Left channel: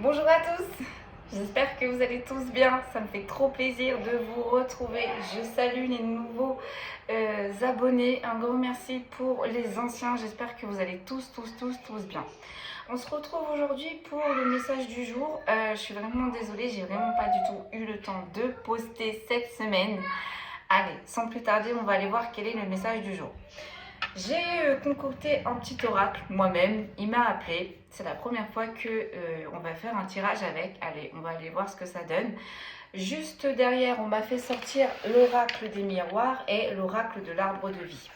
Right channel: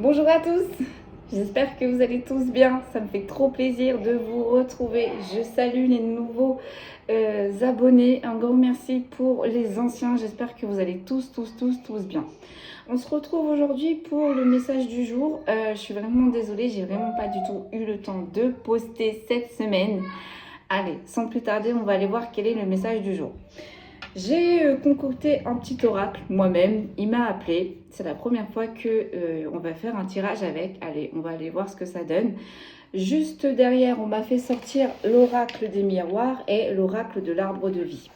Bonjour à tous, j'espère que vous allez tous bien, ça me fait trop plaisir de vous retrouver. Je salue les nouveaux abonnés, un grand merci pour les anciens, j'espère que vous allez tous bien. On se retrouve aujourd'hui pour le message du jour. Je suis vraiment désolée, j'ai vraiment pas du tout eu le temps de poster cette semaine. Allez, sans plus tarder, on va aller voir quel est le message du jour. J'ai concocté un petit oracle moi-même, il m'a appelé, c'est la première fois que on va faire un tirage avec. Allez, on va aller voir ce que ça donne. Juste derrière, on m'a fait sortir l'oracle des miroirs et l'oracle de l'arbre de vie.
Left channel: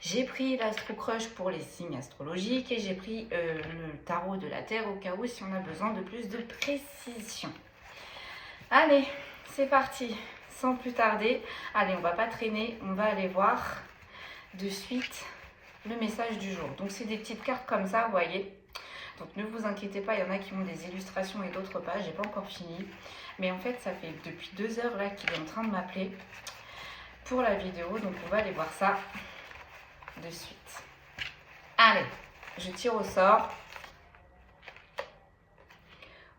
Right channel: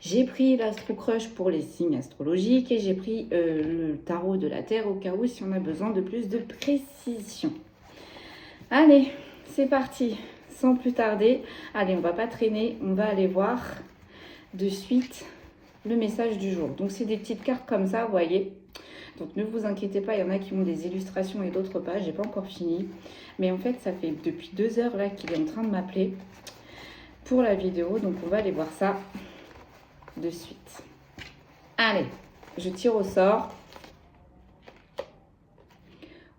J'ai pris l'Astro Crush pour les signes astrologiques et j'ai pris le tarot de la Terre au cas où si on a besoin de plus de précision. Allez, c'est parti, sans plus tarder. Allez, on va pas traîner, on va aller voir de suite le message du jour. Donc c'est des petites cartes comme ça, vous voyez. Donc ne vous inquiétez pas, il y en a qui ont des illustrations et d'autres pas. J'ai pas encore fini. Mais en fait, ça fait depuis 2 heures là qu'il est en train de m'appeler pour la vidéo. Donc on va aller voir ça de suite. Allez, je tire au sort.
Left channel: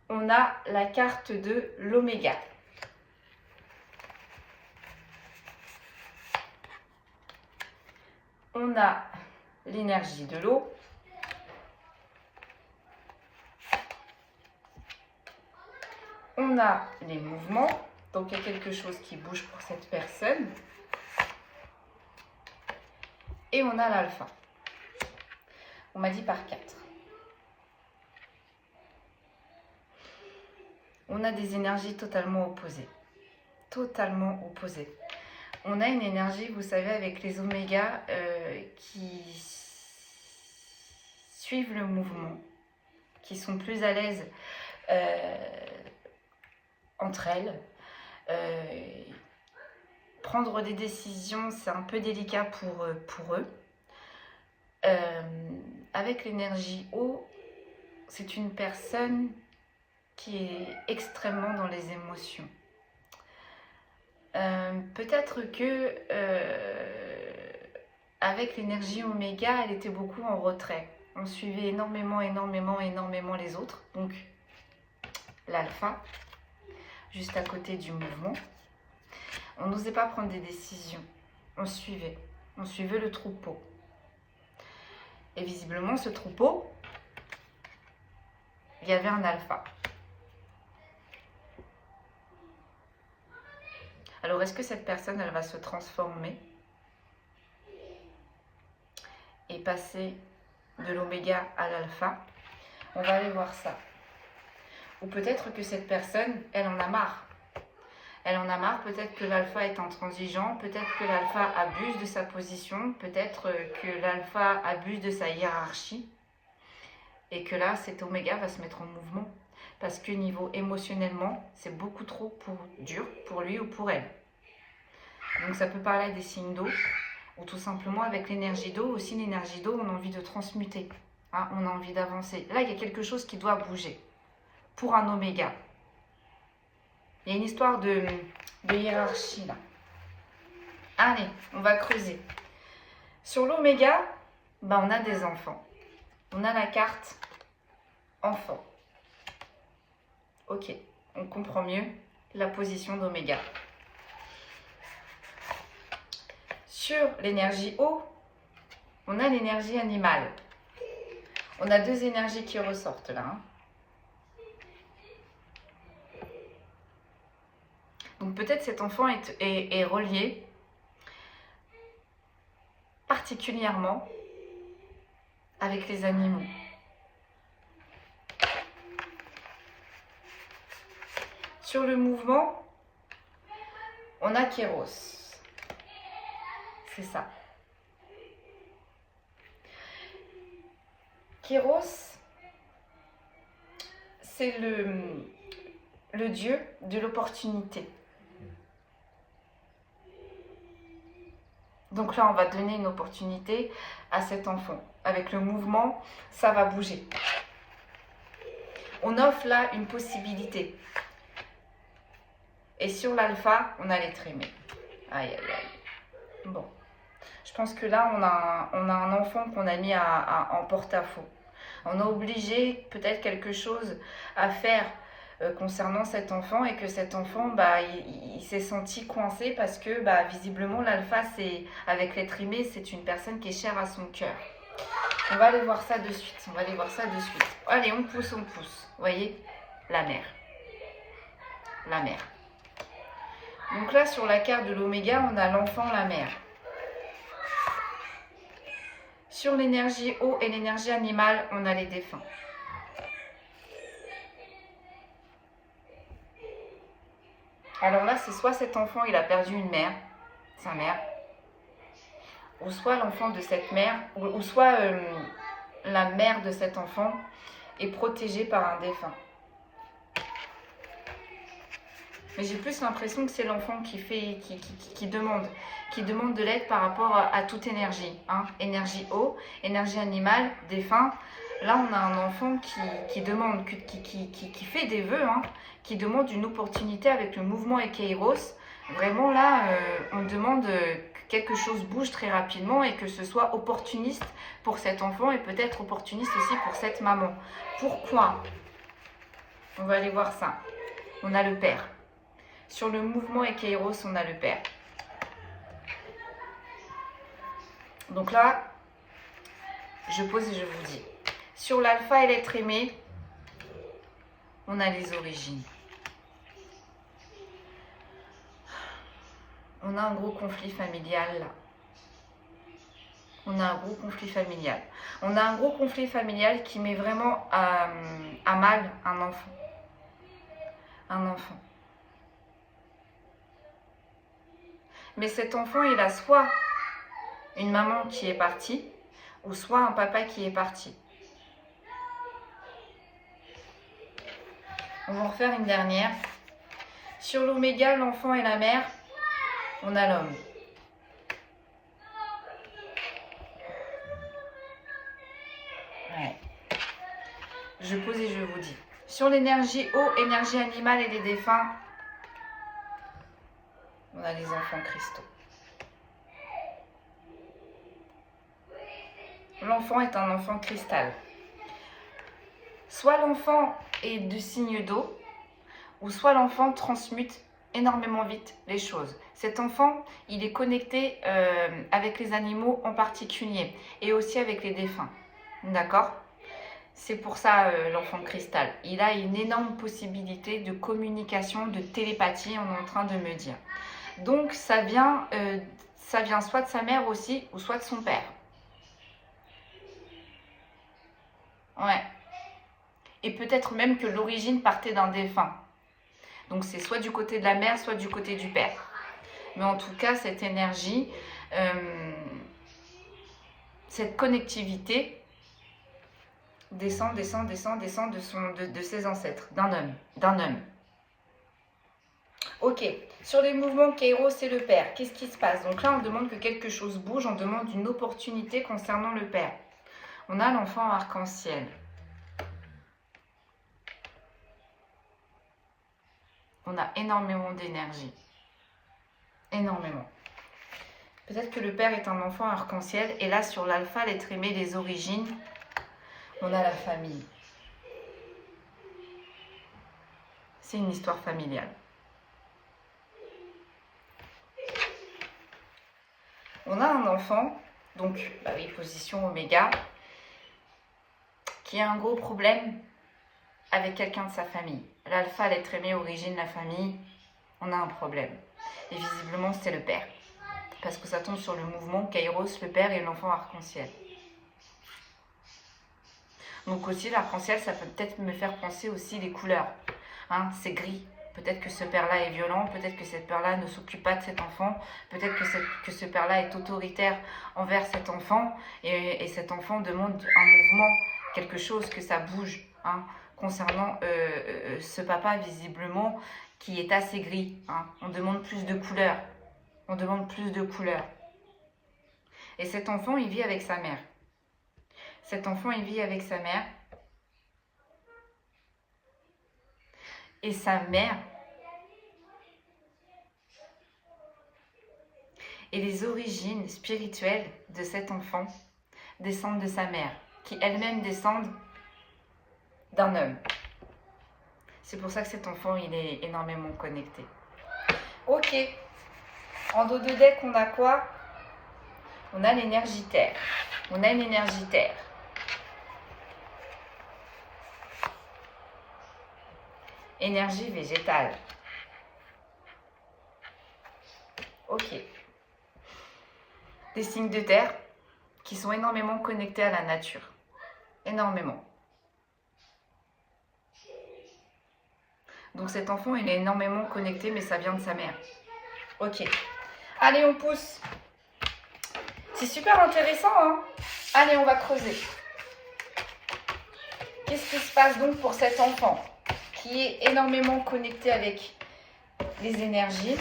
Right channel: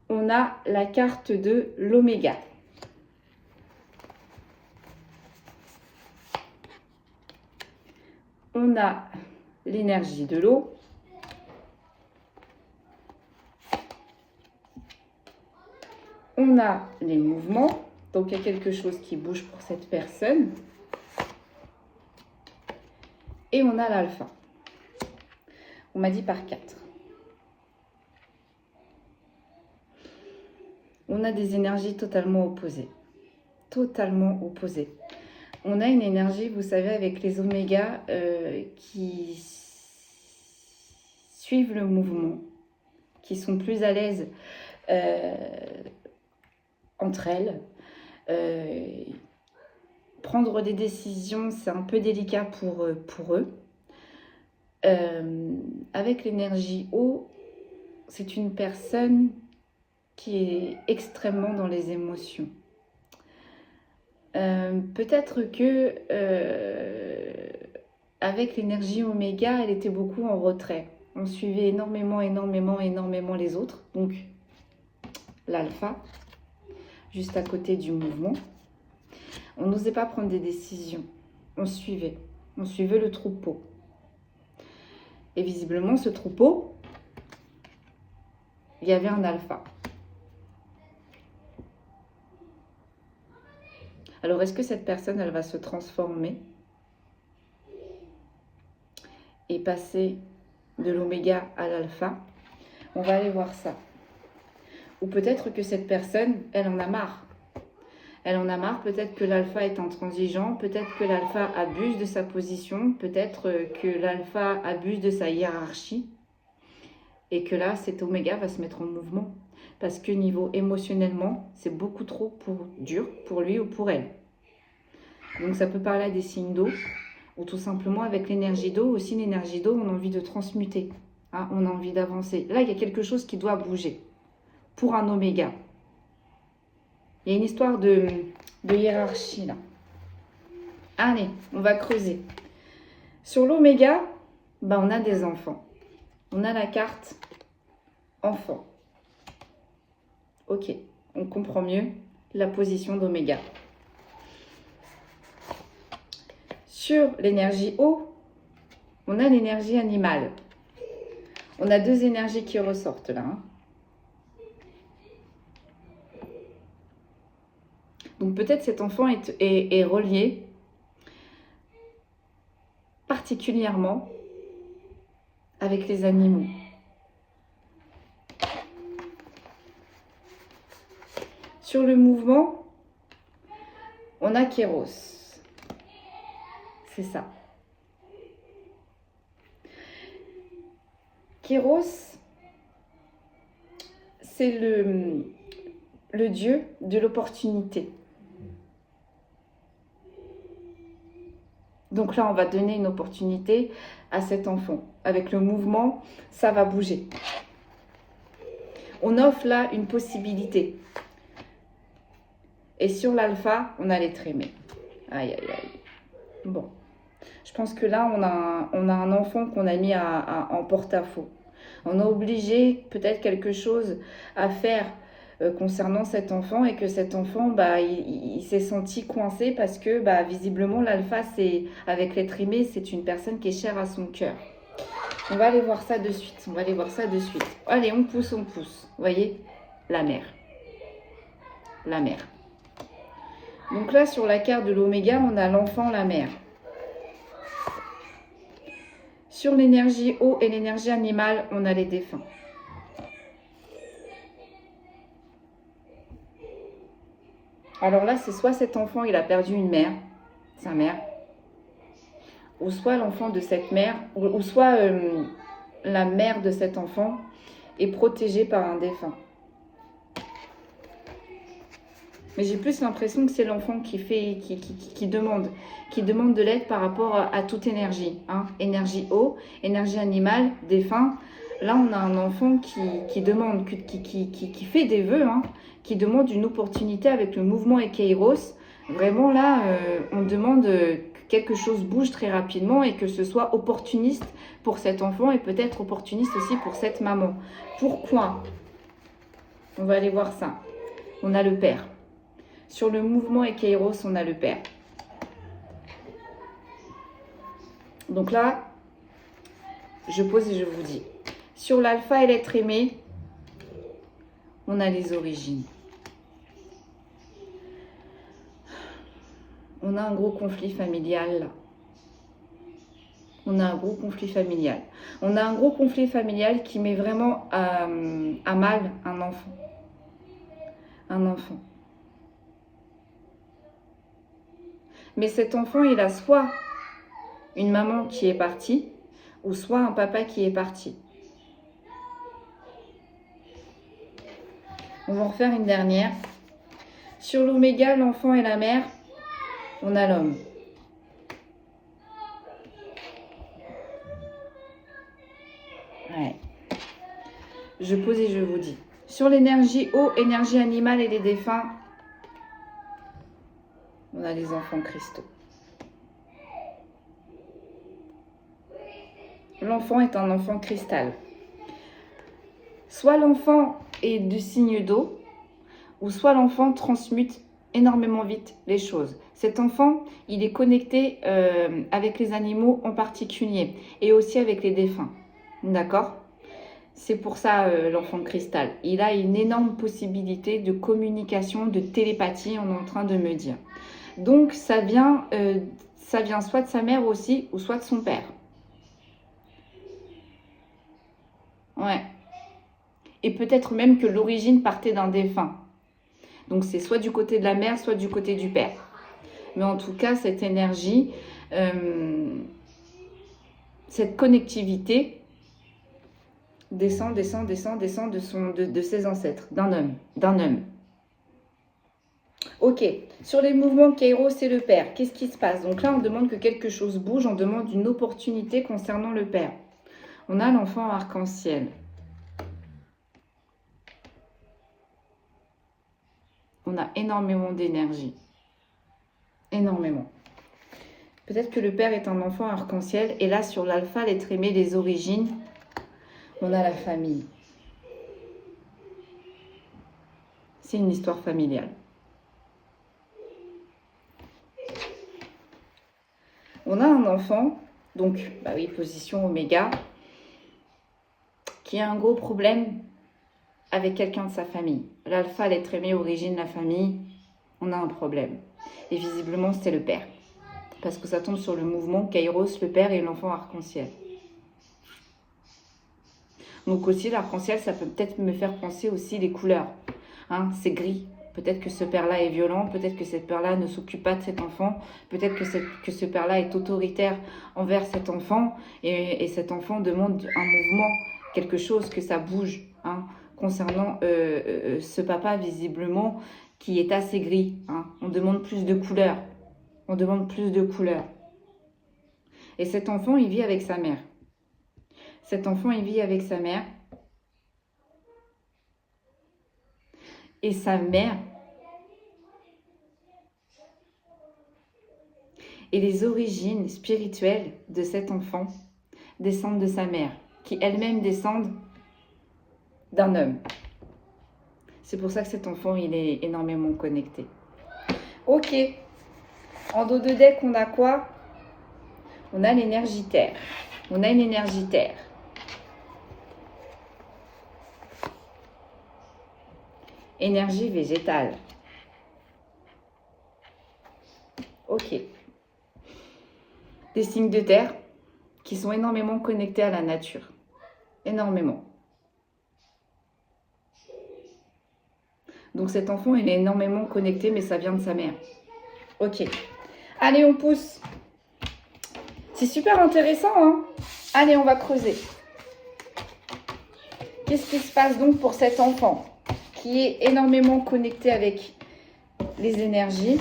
On a la carte de l'Oméga. On a l'énergie de l'eau. On a les mouvements. Donc, il y a quelque chose qui bouge pour cette personne. Et on a l'alpha. On m'a dit par 4. On a des énergies totalement opposées. Totalement opposées. On a une énergie, vous savez, avec les omégas qui suivent le mouvement, qui sont plus à l'aise entre elles. Prendre des décisions, c'est un peu délicat pour eux. Avec l'énergie eau, c'est une personne qui est extrêmement dans les émotions. Peut-être que avec l'énergie oméga, elle était beaucoup en retrait. On suivait énormément les autres. Donc l'alpha, juste à côté du mouvement. On n'osait pas prendre des décisions. On suivait le troupeau. Et visiblement, ce troupeau, il y avait un alpha. Alors, est-ce que cette personne, elle va se transformer et passer de l'oméga à l'alpha? On va aller voir ça. Ou peut-être que cette personne, elle en a marre. Elle en a marre, peut-être que l'alpha est intransigeant, peut-être que l'alpha abuse de sa position, peut-être que l'alpha abuse de sa hiérarchie. Et que là, cet oméga va se mettre en mouvement. Parce que niveau émotionnellement, c'est beaucoup trop dur pour lui ou pour elle. Donc ça peut parler à des signes d'eau, ou tout simplement avec l'énergie d'eau. Aussi l'énergie d'eau, on a envie de transmuter, hein, on a envie d'avancer. Là, il y a quelque chose qui doit bouger pour un oméga. Il y a une histoire de hiérarchie là. Allez, on va creuser. Sur l'oméga, ben, on a des enfants. On a la carte enfant. Ok, on comprend mieux la position d'oméga. Sur l'énergie eau, on a l'énergie animale. On a 2 énergies qui ressortent là. Hein. Donc peut-être cet enfant est relié particulièrement avec les animaux. Sur le mouvement, on a Kéros. C'est ça. Kéros, c'est le dieu de l'opportunité. Donc là, on va donner une opportunité à cet enfant. Avec le mouvement, ça va bouger. On offre là une possibilité. Et sur l'alpha, on a les trémés. Aïe, aïe, aïe. Bon. Je pense que là, on a un enfant qu'on a mis en porte-à-faux. On a obligé peut-être quelque chose à faire concernant cet enfant et que cet enfant, il s'est senti coincé parce que visiblement l'alpha, avec l'être aimé, c'est une personne qui est chère à son cœur. On va aller voir ça de suite. On va aller voir ça de suite. Allez, on pousse, on pousse. Vous voyez, la mère. La mère. Donc là, sur la carte de l'oméga, on a l'enfant, la mère. Sur l'énergie eau et l'énergie animale, on a les défunts. Alors là, c'est soit cet enfant, il a perdu une mère, sa mère, ou soit l'enfant de cette mère, ou soit la mère de cet enfant est protégée par un défunt. Mais j'ai plus l'impression que c'est l'enfant qui demande de l'aide par rapport à toute énergie. Hein. Énergie eau, énergie animale, défunt. Là, on a un enfant qui demande, qui fait des vœux, hein, qui demande une opportunité avec le mouvement et Kairos. Vraiment, là, on demande que quelque chose bouge très rapidement et que ce soit opportuniste pour cet enfant et peut-être opportuniste aussi pour cette maman. Pourquoi? On va aller voir ça. On a le père. Sur le mouvement et Kairos, on a le père. Donc là, je pose et je vous dis. Sur l'alpha et l'être aimé, on a les origines. On a un gros conflit familial. On a un gros conflit familial. On a un gros conflit familial qui met vraiment à mal un enfant. Un enfant. Mais cet enfant, il a soit une maman qui est partie, ou soit un papa qui est parti. On va en refaire une dernière. Sur l'oméga, l'enfant et la mère, on a l'homme. Ouais. Je pose et je vous dis. Sur l'énergie eau, énergie animale et les défunts, on a les enfants cristaux. L'enfant est un enfant cristal. Soit l'enfant est du signe d'eau, ou soit l'enfant transmute énormément vite les choses. Cet enfant, il est connecté avec les animaux en particulier, et aussi avec les défunts. D'accord ? C'est pour ça l'enfant cristal. Il a une énorme possibilité de communication, de télépathie, on est en train de me dire. Donc ça vient soit de sa mère aussi, ou soit de son père. Ouais. Et peut-être même que l'origine partait d'un défunt. Donc c'est soit du côté de la mère, soit du côté du père. Mais en tout cas, cette énergie, cette connectivité descend de ses ancêtres, d'un homme. Ok, sur les mouvements Kairos et le père, qu'est-ce qui se passe? Donc là, on demande que quelque chose bouge, on demande une opportunité concernant le père. On a l'enfant arc-en-ciel. On a énormément d'énergie. Énormément. Peut-être que le père est un enfant arc-en-ciel. Et là, sur l'alpha, l'être aimé, les origines, on a la famille. C'est une histoire familiale. On a un enfant, donc, oui, position oméga, qui a un gros problème avec quelqu'un de sa famille. L'alpha, l'être aimé, origine, la famille, on a un problème. Et visiblement, c'est le père. Parce que ça tombe sur le mouvement Kairos, le père et l'enfant arc-en-ciel. Donc aussi, l'arc-en-ciel, ça peut peut-être me faire penser aussi les couleurs. Hein, c'est gris. Peut-être que ce père-là est violent, peut-être que cette père-là ne s'occupe pas de cet enfant, peut-être que ce père-là est autoritaire envers cet enfant et cet enfant demande un mouvement, quelque chose, que ça bouge, hein, concernant ce papa visiblement qui est assez gris. Hein. On demande plus de couleurs, on demande plus de couleurs. Et cet enfant, il vit avec sa mère. Cet enfant, il vit avec sa mère. Et sa mère, et les origines spirituelles de cet enfant descendent de sa mère, qui elle-même descendent d'un homme. C'est pour ça que cet enfant, il est énormément connecté. Ok. En dos de deck, on a quoi? On a l'énergie terre. On a une énergie terre. Énergie végétale. Ok. Des signes de terre qui sont énormément connectés à la nature. Énormément. Donc cet enfant, il est énormément connecté, mais ça vient de sa mère. Ok. Allez, on pousse. C'est super intéressant, hein? Allez, on va creuser. Qu'est-ce qui se passe donc pour cet enfant qui est énormément connecté avec les énergies?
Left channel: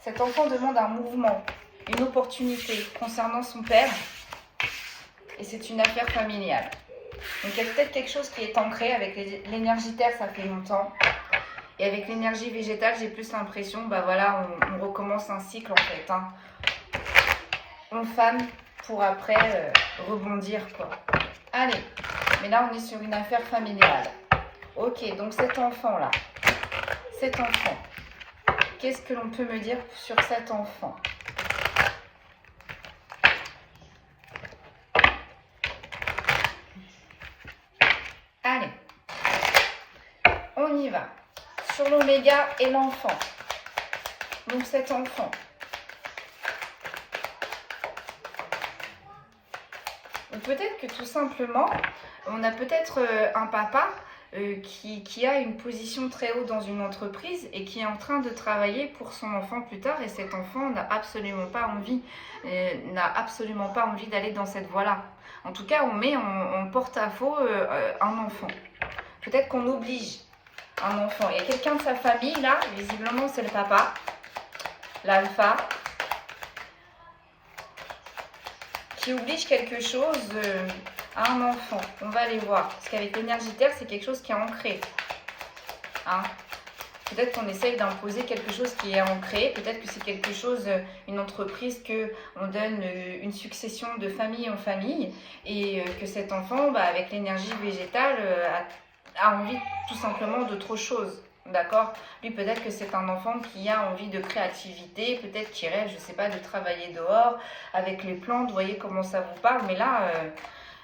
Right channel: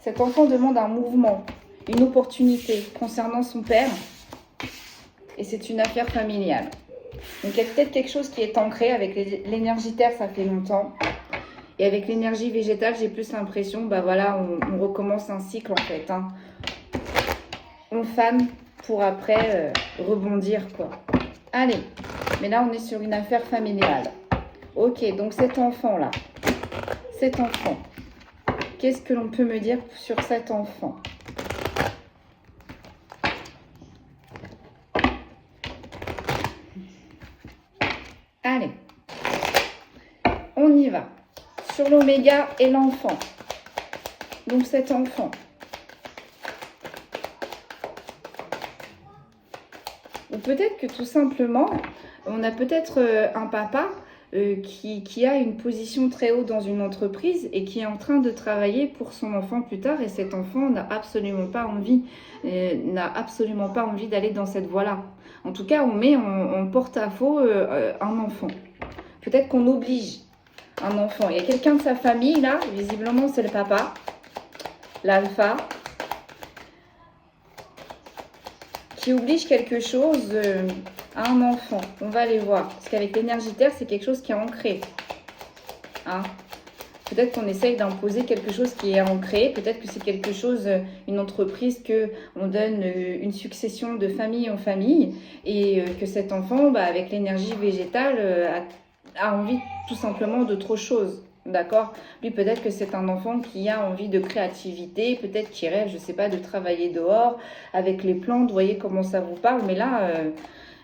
Cet enfant demande un mouvement, une opportunité concernant son père. Et c'est une affaire familiale. Donc il y a peut-être quelque chose qui est ancré. Avec l'énergie terre, ça fait longtemps. Et avec l'énergie végétale, j'ai plus l'impression, bah voilà, on recommence un cycle en fait. Hein. On fane pour après rebondir quoi. Allez, mais là on est sur une affaire familiale. Ok, donc cet enfant-là, qu'est-ce que l'on peut me dire sur cet enfant? Allez, on y va. Sur l'oméga et l'enfant. Donc cet enfant. Ou peut-être que tout simplement, on a peut-être un papa qui a une position très haute dans une entreprise et qui est en train de travailler pour son enfant plus tard. Et cet enfant n'a absolument pas envie d'aller dans cette voie-là. En tout cas, on met en porte-à-faux un enfant. Peut-être qu'on oblige un enfant. Il y a quelqu'un de sa famille, là, visiblement c'est le papa, l'alpha, qui oblige quelque chose à un enfant. On va aller voir. Parce qu'avec l'énergie terre, c'est quelque chose qui est ancré. Hein? Peut-être qu'on essaye d'imposer quelque chose qui est ancré. Peut-être que c'est quelque chose, une entreprise, qu'on donne une succession de famille en famille. Et que cet enfant, bah, avec l'énergie végétale, a envie tout simplement d'autre chose. D'accord? Lui, peut-être que c'est un enfant qui a envie de créativité, peut-être qu'il rêve, je ne sais pas, de travailler dehors avec les plantes. Vous voyez comment ça vous parle. Mais là,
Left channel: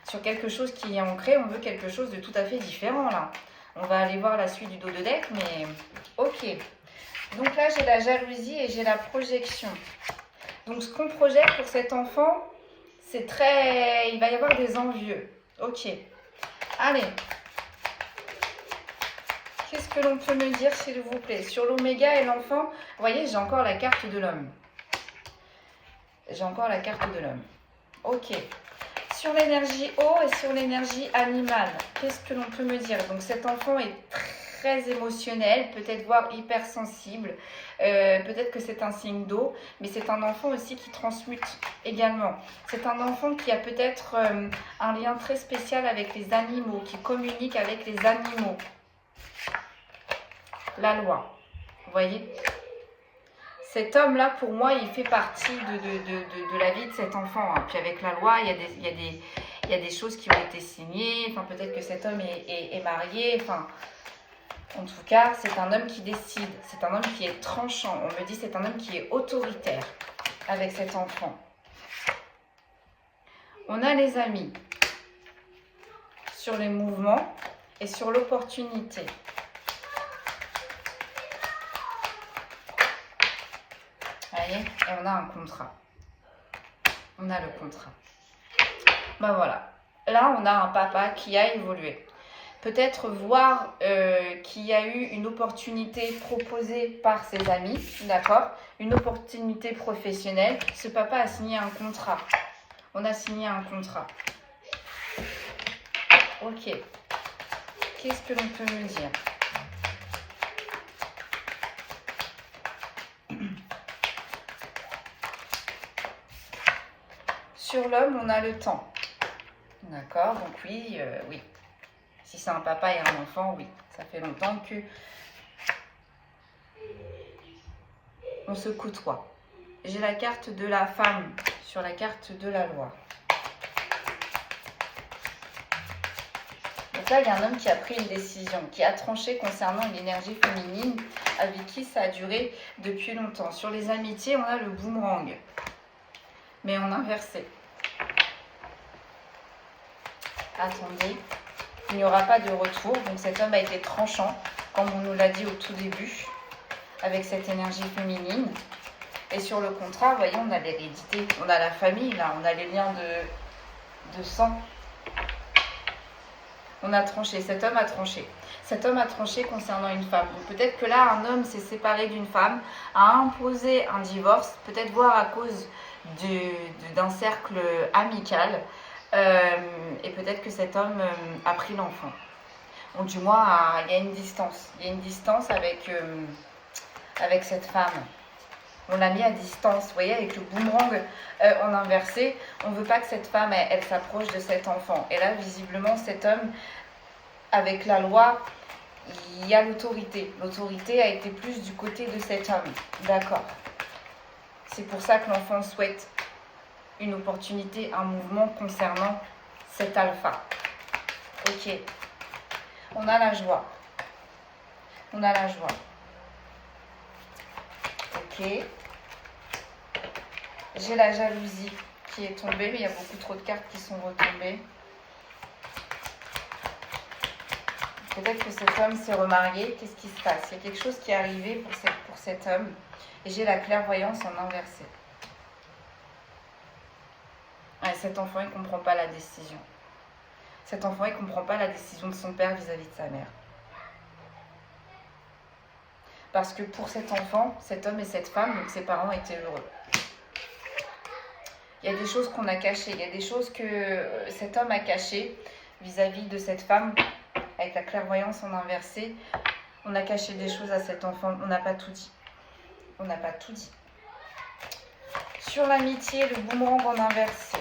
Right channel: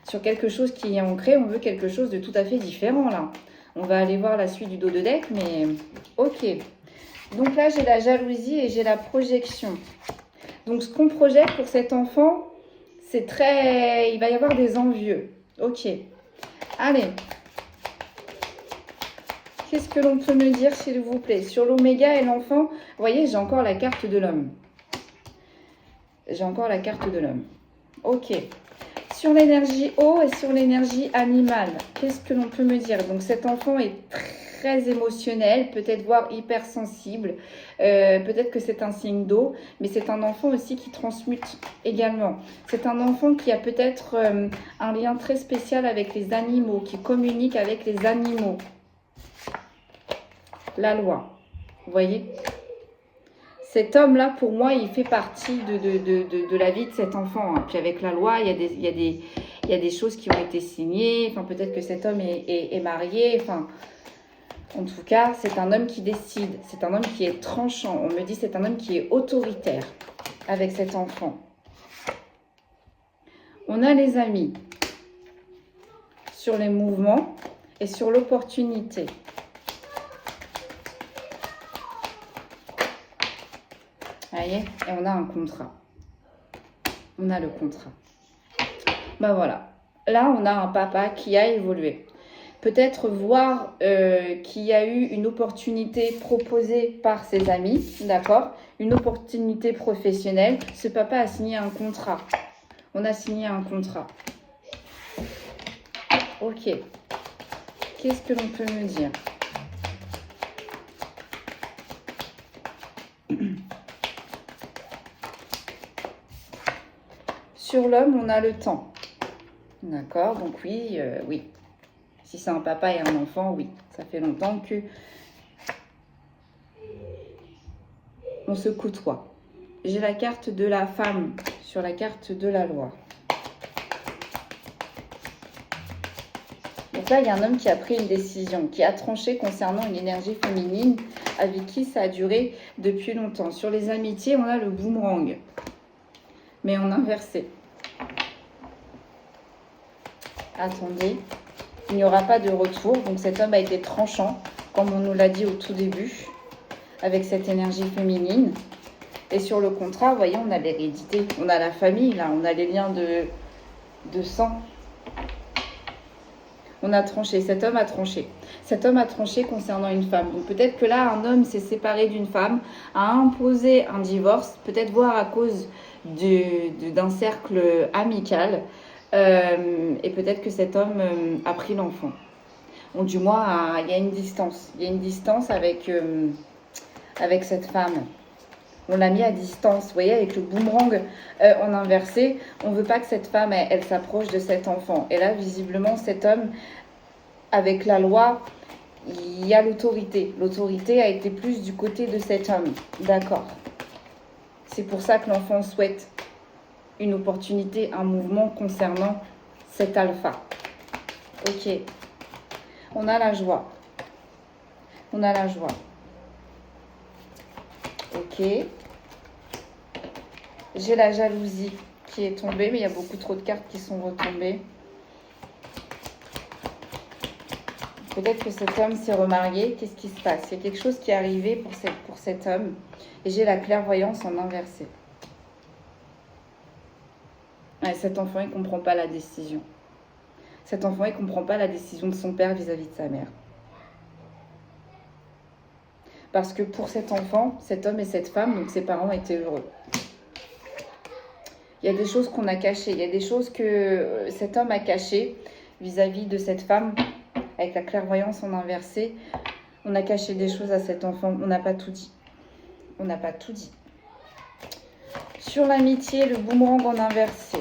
sur quelque chose qui est ancré, on veut quelque chose de tout à fait différent, là. On va aller voir la suite du dos de deck, mais ok. Donc là, j'ai la jalousie et j'ai la projection. Donc, ce qu'on projette pour cet enfant, c'est très... Il va y avoir des envieux. Ok. Allez. Qu'est-ce que l'on peut me dire, s'il vous plaît? Sur l'oméga et l'enfant, vous voyez, j'ai encore la carte de l'homme. J'ai encore la carte de l'homme. Ok. Sur l'énergie eau et sur l'énergie animale, qu'est-ce que l'on peut me dire? Donc, cet enfant est très émotionnel, peut-être voire hypersensible. Peut-être que c'est un signe d'eau, mais c'est un enfant aussi qui transmute également. C'est un enfant qui a peut-être un lien très spécial avec les animaux, qui communique avec les animaux. La loi, vous voyez? Cet homme-là, pour moi, il fait partie de la vie de cet enfant. Hein. Puis avec la loi, il y a des choses qui ont été signées. Enfin, peut-être que cet homme est marié. Enfin, en tout cas, c'est un homme qui décide. C'est un homme qui est tranchant. On me dit c'est un homme qui est autoritaire avec cet enfant. On a les amis sur les mouvements et sur l'opportunité. Vous voyez? Et on a un contrat. On a le contrat. Ben voilà. Là, on a un papa qui a évolué. Peut-être voir qu'il y a eu une opportunité proposée par ses amis. D'accord? Une opportunité professionnelle. Ce papa a signé un contrat. On a signé un contrat. Ok. Qu'est-ce que l'on peut me dire? Sur l'homme, on a le temps. D'accord? Donc oui, oui. Si c'est un papa et un enfant, oui. Ça fait longtemps que on se côtoie. J'ai la carte de la femme sur la carte de la loi. Donc là, il y a un homme qui a pris une décision, qui a tranché concernant une énergie féminine avec qui ça a duré depuis longtemps. Sur les amitiés, on a le boomerang, mais en inversé. Attendez, il n'y aura pas de retour. Donc cet homme a été tranchant, comme on nous l'a dit au tout début, avec cette énergie féminine. Et sur le contraire, vous voyez, on a l'hérédité, on a la famille, là, on a les liens de sang. On a tranché, cet homme a tranché. Cet homme a tranché concernant une femme. Donc peut-être que là, un homme s'est séparé d'une femme, a imposé un divorce, peut-être voire à cause d'un cercle amical. Et peut-être que cet homme a pris l'enfant. Ou du moins, il y a une distance. Il y a une distance avec cette femme. On l'a mis à distance, vous voyez, avec le boomerang en inversé. On ne veut pas que cette femme, elle s'approche de cet enfant. Et là, visiblement, cet homme, avec la loi, il y a l'autorité. L'autorité a été plus du côté de cet homme. D'accord. C'est pour ça que l'enfant souhaite une opportunité, un mouvement concernant cet alpha. Ok. On a la joie. On a la joie. Ok. J'ai la jalousie qui est tombée, mais il y a beaucoup trop de cartes qui sont retombées. Peut-être que cet homme s'est remarié. Qu'est-ce qui se passe? Il y a quelque chose qui est arrivé pour cet homme. Et j'ai la clairvoyance en inversé. Ouais, cet enfant, il ne comprend pas la décision. Cet enfant, il ne comprend pas la décision de son père vis-à-vis de sa mère. Parce que pour cet enfant, cet homme et cette femme, donc ses parents étaient heureux. Il y a des choses qu'on a cachées, il y a des choses que cet homme a cachées vis-à-vis de cette femme, avec la clairvoyance en inversé. On a caché des choses à cet enfant, on n'a pas tout dit. On n'a pas tout dit. Sur l'amitié, le boomerang en inversé.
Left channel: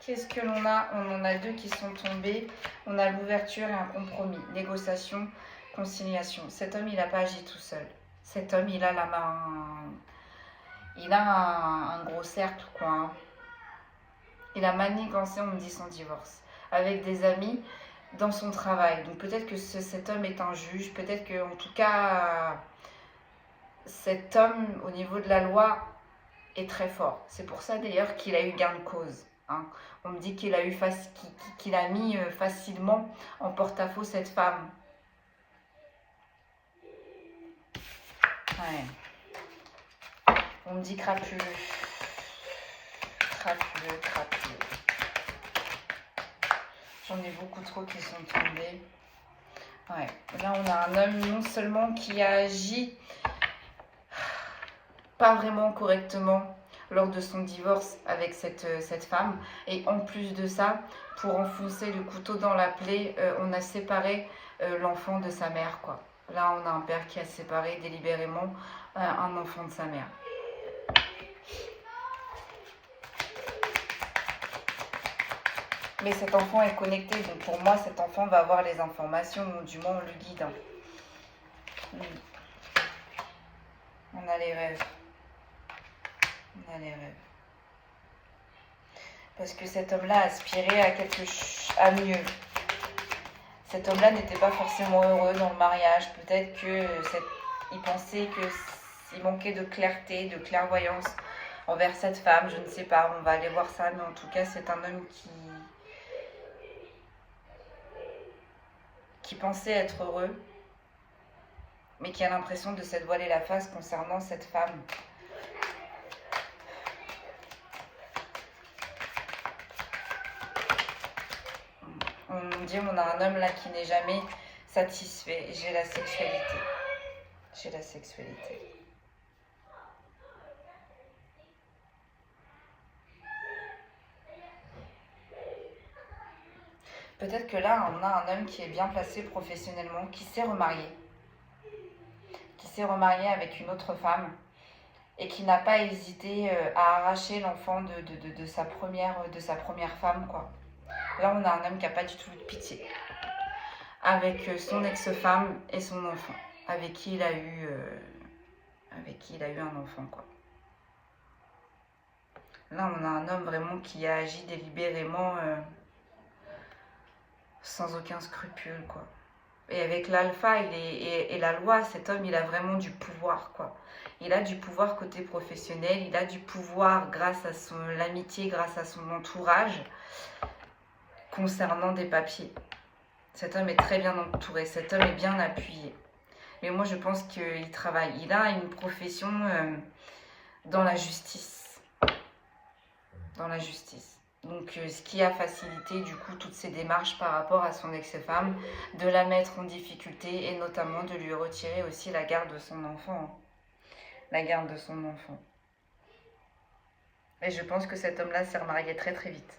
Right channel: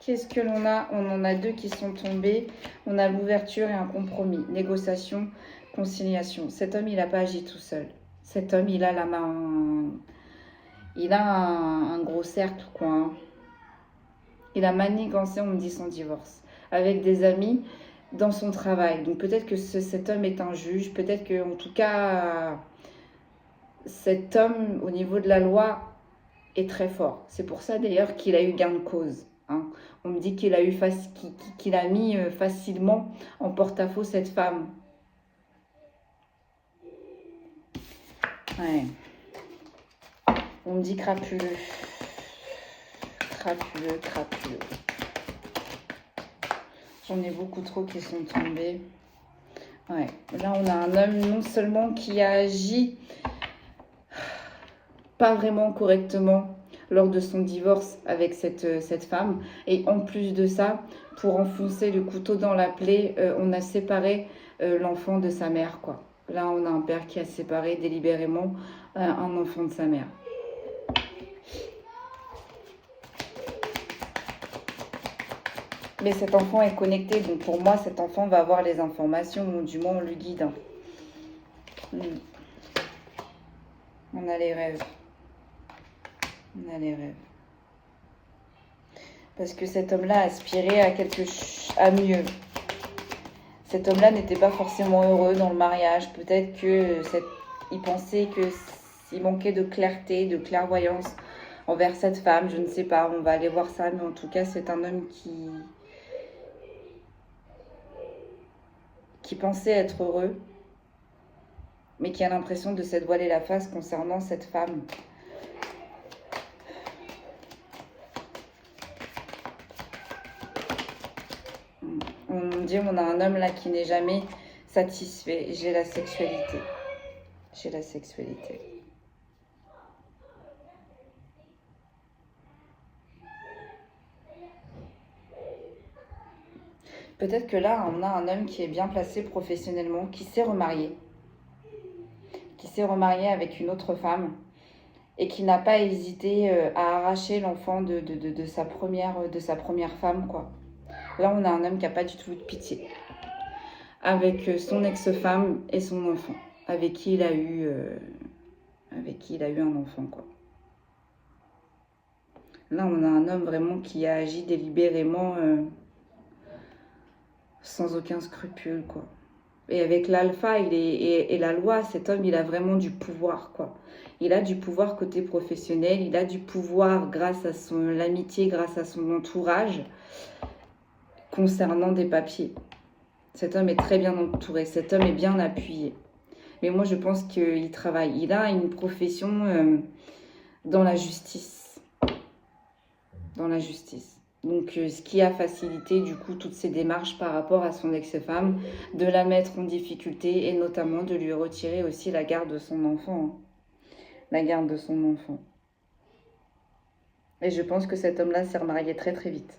Qu'est-ce que l'on a? On en a deux qui sont tombés. On a l'ouverture et un compromis. Négociation, conciliation. Cet homme, il n'a pas agi tout seul. Cet homme, il a la main... Il a un gros cercle, quoi. Hein. Il a manigancé, on me dit, son divorce. Avec des amis dans son travail. Donc peut-être que cet homme est un juge. Peut-être que, en tout cas, cet homme, au niveau de la loi, est très fort. C'est pour ça, d'ailleurs, qu'il a eu gain de cause. Hein. On me dit qu'il a mis facilement en porte-à-faux cette femme. Ouais. On me dit crapuleux. Crapuleux, crapuleux. J'en ai beaucoup trop qui sont tombés. Ouais. Là, on a un homme non seulement qui a agi pas vraiment correctement lors de son divorce avec cette femme. Et en plus de ça, pour enfoncer le couteau dans la plaie, on a séparé l'enfant de sa mère, quoi. Là, on a un père qui a séparé délibérément un enfant de sa mère. Mais cet enfant est connecté, donc pour moi, cet enfant va avoir les informations, ou du moins on le guide. Hein. On a les rêves. On a les rêves. Parce que cet homme-là aspirait à mieux. Cet homme-là n'était pas forcément heureux dans le mariage. Peut-être qu'il pensait qu'il manquait de clarté, de clairvoyance envers cette femme. Je ne sais pas, on va aller voir ça. Mais en tout cas, c'est un homme qui pensait être heureux, mais qui a l'impression de s'être voilé la face concernant cette femme. On dit, on a un homme là qui n'est jamais satisfait. J'ai la sexualité. J'ai la sexualité. Peut-être que là, on a un homme qui est bien placé professionnellement, qui s'est remarié. Qui s'est remarié avec une autre femme et qui n'a pas hésité à arracher l'enfant de sa première femme, quoi. Là, on a un homme qui n'a pas du tout eu de pitié. Avec son ex-femme et son enfant. Avec qui il a eu un enfant, quoi. Là, on a un homme vraiment qui a agi délibérément sans aucun scrupule, quoi. Et avec l'alpha et la loi, cet homme, il a vraiment du pouvoir, quoi. Il a du pouvoir côté professionnel, il a du pouvoir grâce à l'amitié, grâce à son entourage, concernant des papiers. Cet homme est très bien entouré, cet homme est bien appuyé. Mais moi, je pense qu'il travaille. Il a une profession dans la justice. Dans la justice. Donc, ce qui a facilité, du coup, toutes ces démarches par rapport à son ex-femme, de la mettre en difficulté et notamment de lui retirer aussi la garde de son enfant. Hein. La garde de son enfant. Et je pense que cet homme-là s'est remarié très très vite.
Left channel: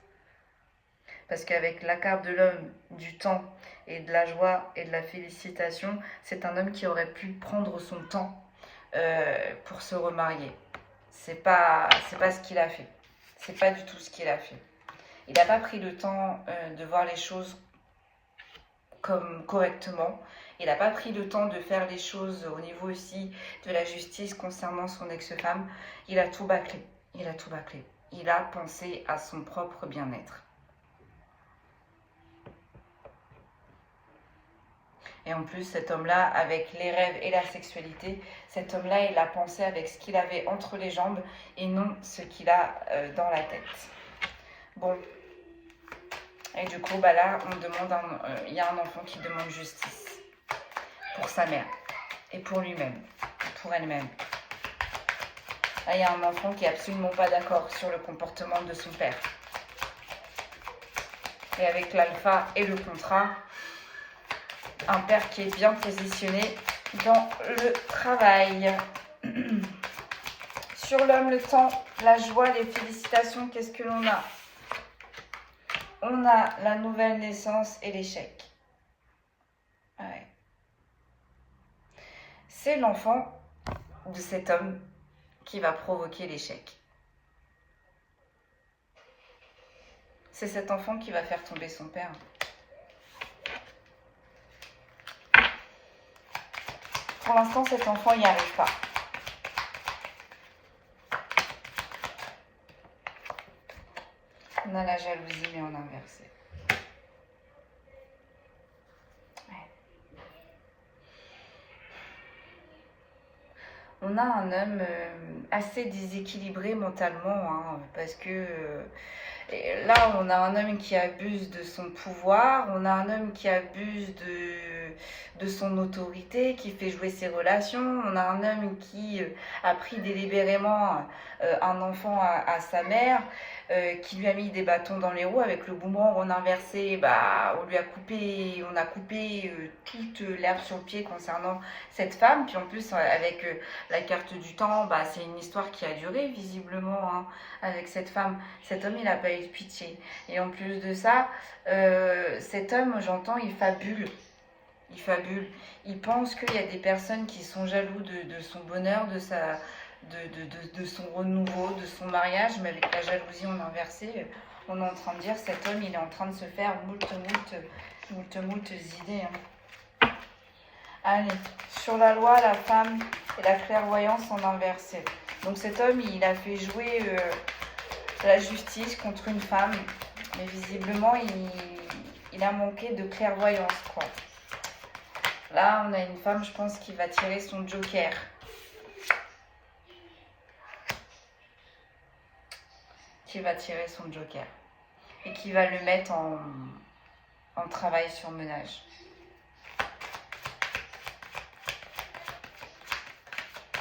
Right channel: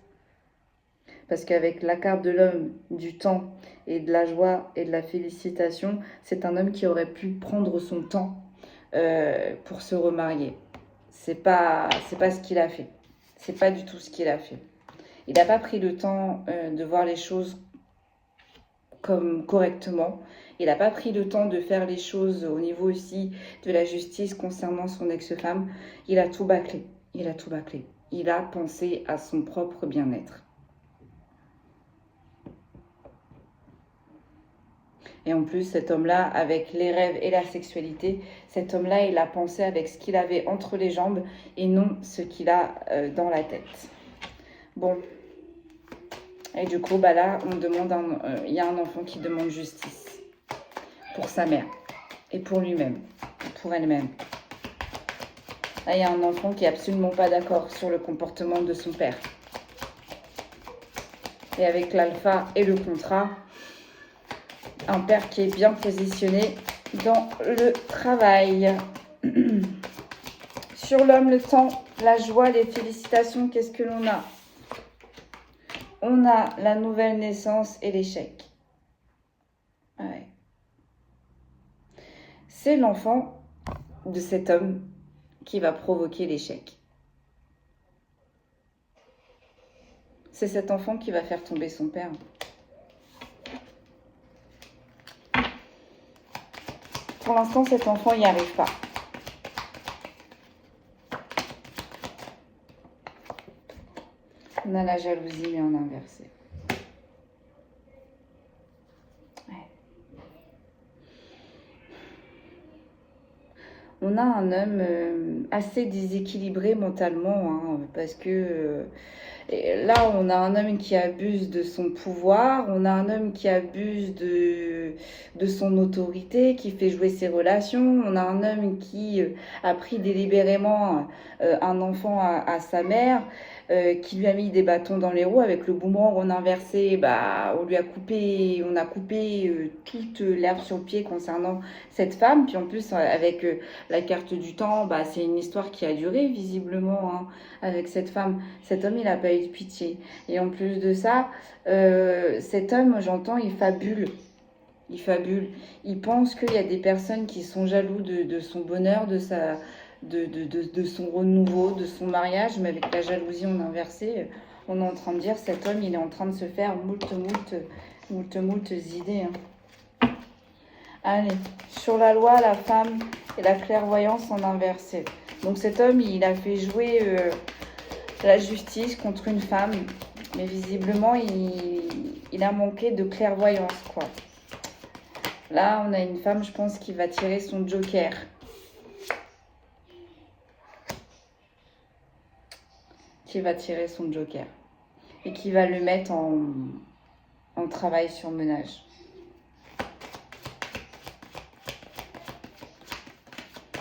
Parce qu'avec la carte de l'homme, du temps et de la joie et de la félicitation, c'est un homme qui aurait pu prendre son temps pour se remarier. C'est pas ce qu'il a fait. C'est pas du tout ce qu'il a fait. Il n'a pas pris le temps de voir les choses comme correctement. Il n'a pas pris le temps de faire les choses au niveau aussi de la justice concernant son ex-femme. Il a tout bâclé. Il a tout bâclé. Il a pensé à son propre bien-être. Et en plus, cet homme-là, avec les rêves et la sexualité, cet homme-là, il a pensé avec ce qu'il avait entre les jambes et non ce qu'il a dans la tête. Bon. Et du coup, bah là, on demande il y a un enfant qui demande justice pour sa mère et pour lui-même, pour elle-même. Là, il y a un enfant qui est absolument pas d'accord sur le comportement de son père. Et avec l'alpha et le contrat, un père qui est bien positionné dans le travail. Sur l'homme, le temps, la joie, les félicitations, qu'est-ce que l'on a? On a la nouvelle naissance et l'échec. Ouais. C'est l'enfant de cet homme qui va provoquer l'échec. C'est cet enfant qui va faire tomber son père. Pour l'instant, cet enfant n'y arrive pas. On a la jalousie, mais en inversé. Ouais. On a un homme assez déséquilibré mentalement, hein, parce que là, on a un homme qui abuse de son pouvoir, on a un homme qui abuse de son autorité, qui fait jouer ses relations, on a un homme qui a pris délibérément un enfant à sa mère, qui lui a mis des bâtons dans les roues avec le boomerang en inversé. Bah, on a coupé toute l'herbe sur le pied concernant cette femme. Puis en plus, avec la carte du temps, bah, c'est une histoire qui a duré visiblement hein, avec cette femme. Cet homme, il n'a pas eu de pitié. Et en plus de ça, cet homme, j'entends, il fabule. Il fabule. Il pense qu'il y a des personnes qui sont jaloux de son bonheur, de son renouveau, de son mariage, mais avec la jalousie en inversé, on est en train de dire cet homme, il est en train de se faire moult idées. Hein. Allez, sur la loi, la femme et la clairvoyance en inversé. Donc cet homme, il a fait jouer la justice contre une femme, mais visiblement, il a manqué de clairvoyance, quoi. Là, on a une femme, je pense, qui va tirer son joker. Qui va tirer son joker. Et qui va le mettre en travail sur ménage.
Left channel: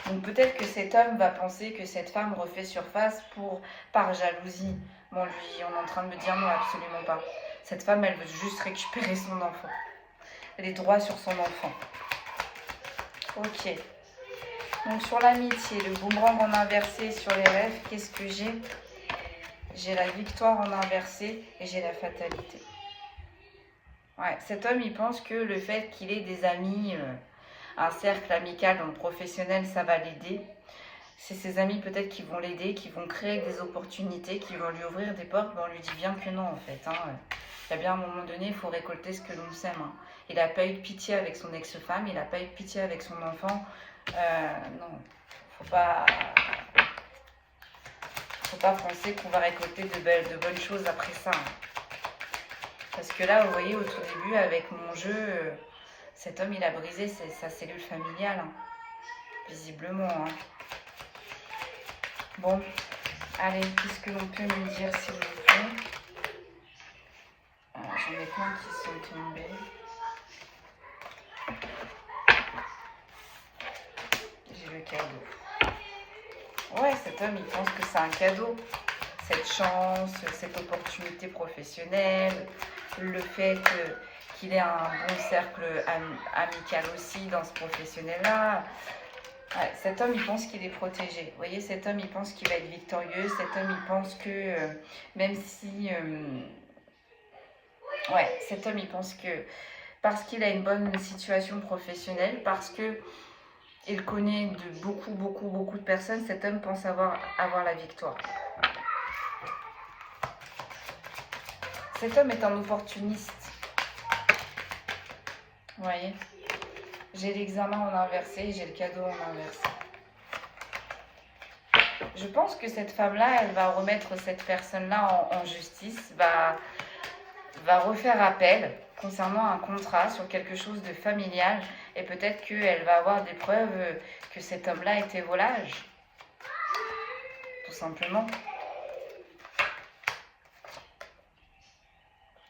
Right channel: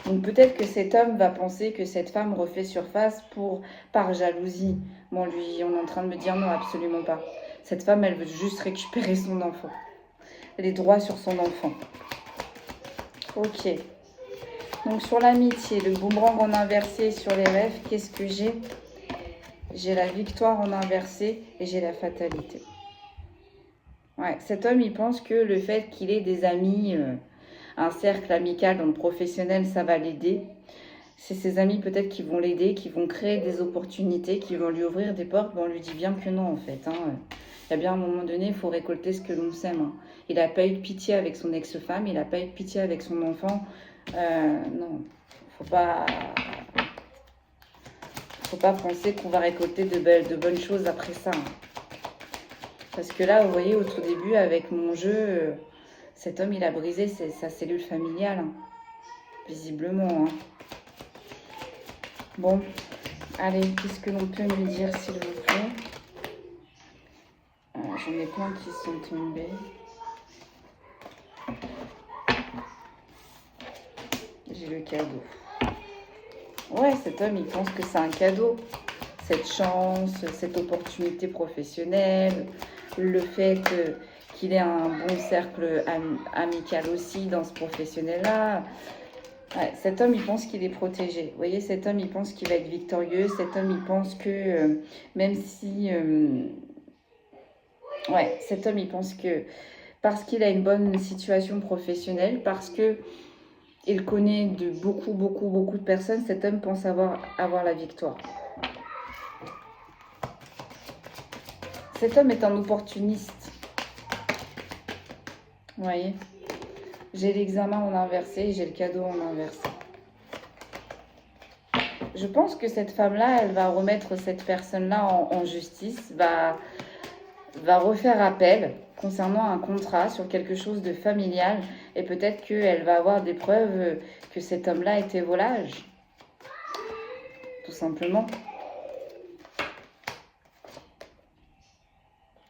Donc peut-être que cet homme va penser que cette femme refait surface par jalousie. Bon, lui, on est en train de me dire non, absolument pas. Cette femme, elle veut juste récupérer son enfant. Les droits sur son enfant. Ok. Donc sur l'amitié, le boomerang en inversé sur les rêves, qu'est-ce que j'ai? J'ai la victoire en inversé et j'ai la fatalité. Ouais, cet homme, il pense que le fait qu'il ait des amis, un cercle amical dans le professionnel, ça va l'aider. C'est ses amis peut-être qui vont l'aider, qui vont créer des opportunités, qui vont lui ouvrir des portes. Ben, on lui dit bien que non, en fait. Hein. Il y a bien un moment donné, il faut récolter ce que l'on sème. Hein. Il n'a pas eu de pitié avec son ex-femme, il n'a pas eu de pitié avec son enfant. Non, faut pas penser qu'on va récolter de bonnes choses après ça. Hein. Parce que là, vous voyez, au tout début, avec mon jeu, cet homme, il a brisé sa cellule familiale. Hein. Visiblement. Hein. Bon, allez, qu'est-ce que l'on peut me dire, s'il vous plaît? J'en ai plein qui sont tombés. J'ai le cadeau. Ouais, cet homme, il pense que c'est un cadeau. Cette chance, cette opportunité professionnelle, le fait qu'il ait un bon cercle amical aussi dans ce professionnel-là. Ouais, cet homme, il pense qu'il est protégé. Vous voyez, cet homme, il pense qu'il va être victorieux. Cet homme, il pense que même si... ouais, cet homme, il pense que parce qu'il a une bonne situation professionnelle, parce que il connaît de beaucoup de personnes, cet homme pense avoir la victoire. Cet homme est un opportuniste. Vous voyez, j'ai l'examen en inversé et j'ai le cadeau en inversé. Je pense que cette femme-là, elle va remettre cette personne-là en justice, va refaire appel concernant un contrat sur quelque chose de familial et peut-être qu'elle va avoir des preuves que cet homme-là était volage. Tout simplement.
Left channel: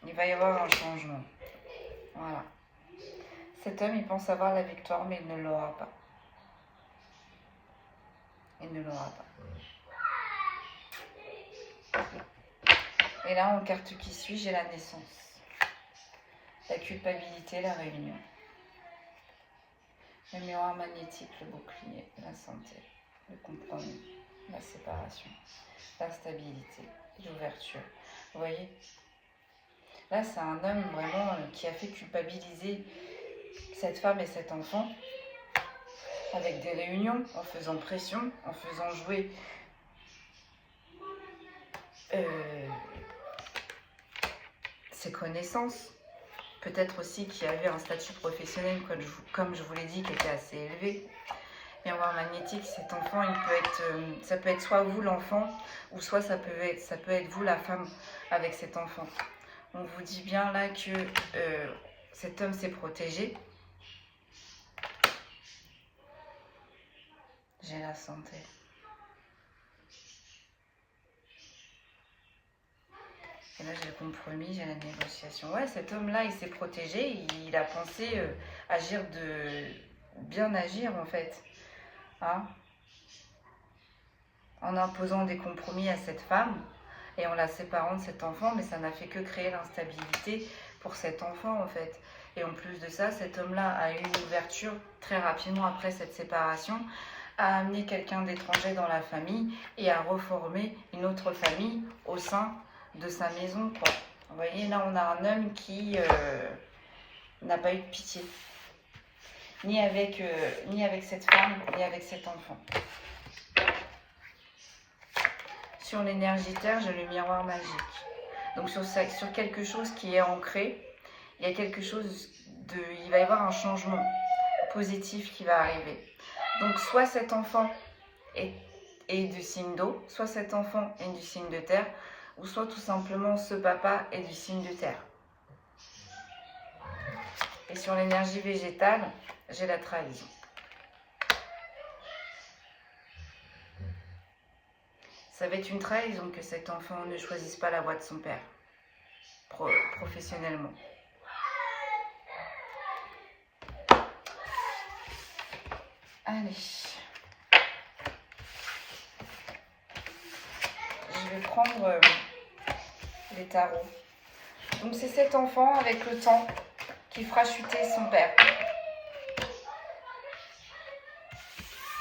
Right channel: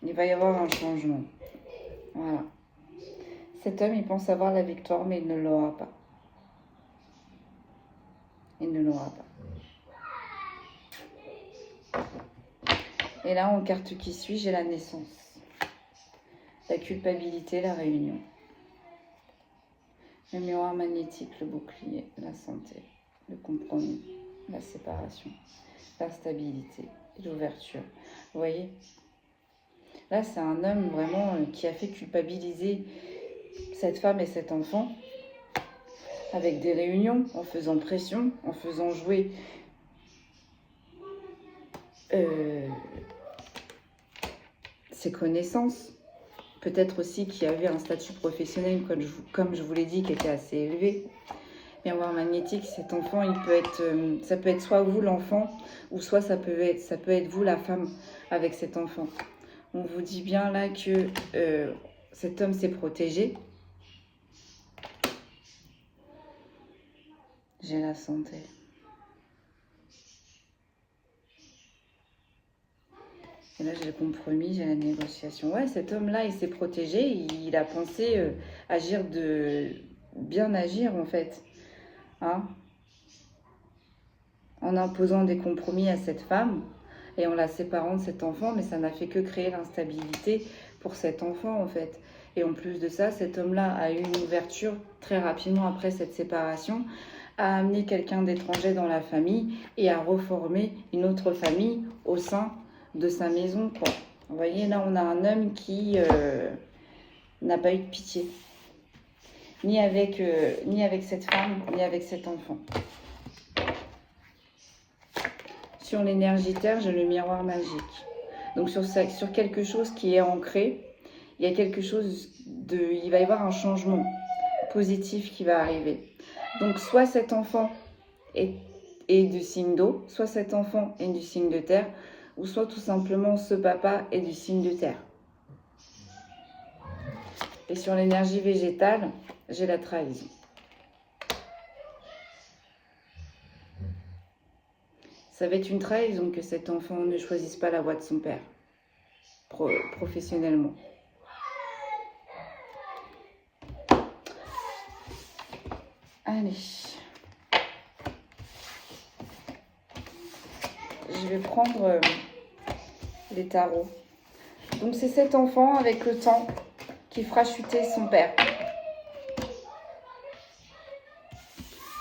Il va y avoir un changement. Voilà. Cet homme, il pense avoir la victoire, mais il ne l'aura pas. Il ne l'aura pas. Et là, en carte qui suit, j'ai la naissance. La culpabilité, la réunion. Le miroir magnétique, le bouclier, la santé, le compromis, la séparation, la stabilité, l'ouverture. Vous voyez ? Là, c'est un homme vraiment qui a fait culpabiliser cette femme et cet enfant avec des réunions, en faisant pression, en faisant jouer ses connaissances. Peut-être aussi qu'il y avait un statut professionnel, comme je vous l'ai dit, qui était assez élevé. Miroir magnétique, cet enfant, il peut être, ça peut être soit vous l'enfant, ou soit ça peut être vous la femme avec cet enfant. On vous dit bien là que cet homme s'est protégé. J'ai la santé. Et là, j'ai le compromis, j'ai la négociation. Ouais, cet homme-là, il s'est protégé. Il a pensé bien agir, en fait. Hein, en imposant des compromis à cette femme et en la séparant de cet enfant. Mais ça n'a fait que créer l'instabilité pour cet enfant, en fait. Et en plus de ça, cet homme-là a eu une ouverture très rapidement après cette séparation, a amené quelqu'un d'étranger dans la famille et a reformé une autre famille au sein de sa maison, quoi. Vous voyez, là, on a un homme qui n'a pas eu de pitié. Ni avec cette femme, ni avec cet enfant. Sur l'énergie terre, j'ai le miroir magique. Donc, sur quelque chose qui est ancré, il y a quelque chose il va y avoir un changement positif qui va arriver. Donc, soit cet enfant est du signe d'eau, soit cet enfant est du signe de terre, ou soit tout simplement ce papa est du signe de terre. Et sur l'énergie végétale, j'ai la trahison. Ça va être une trahison que cet enfant ne choisisse pas la voie de son père, professionnellement. Allez. Je vais prendre les tarots. Donc c'est cet enfant avec le temps qui fera chuter son père.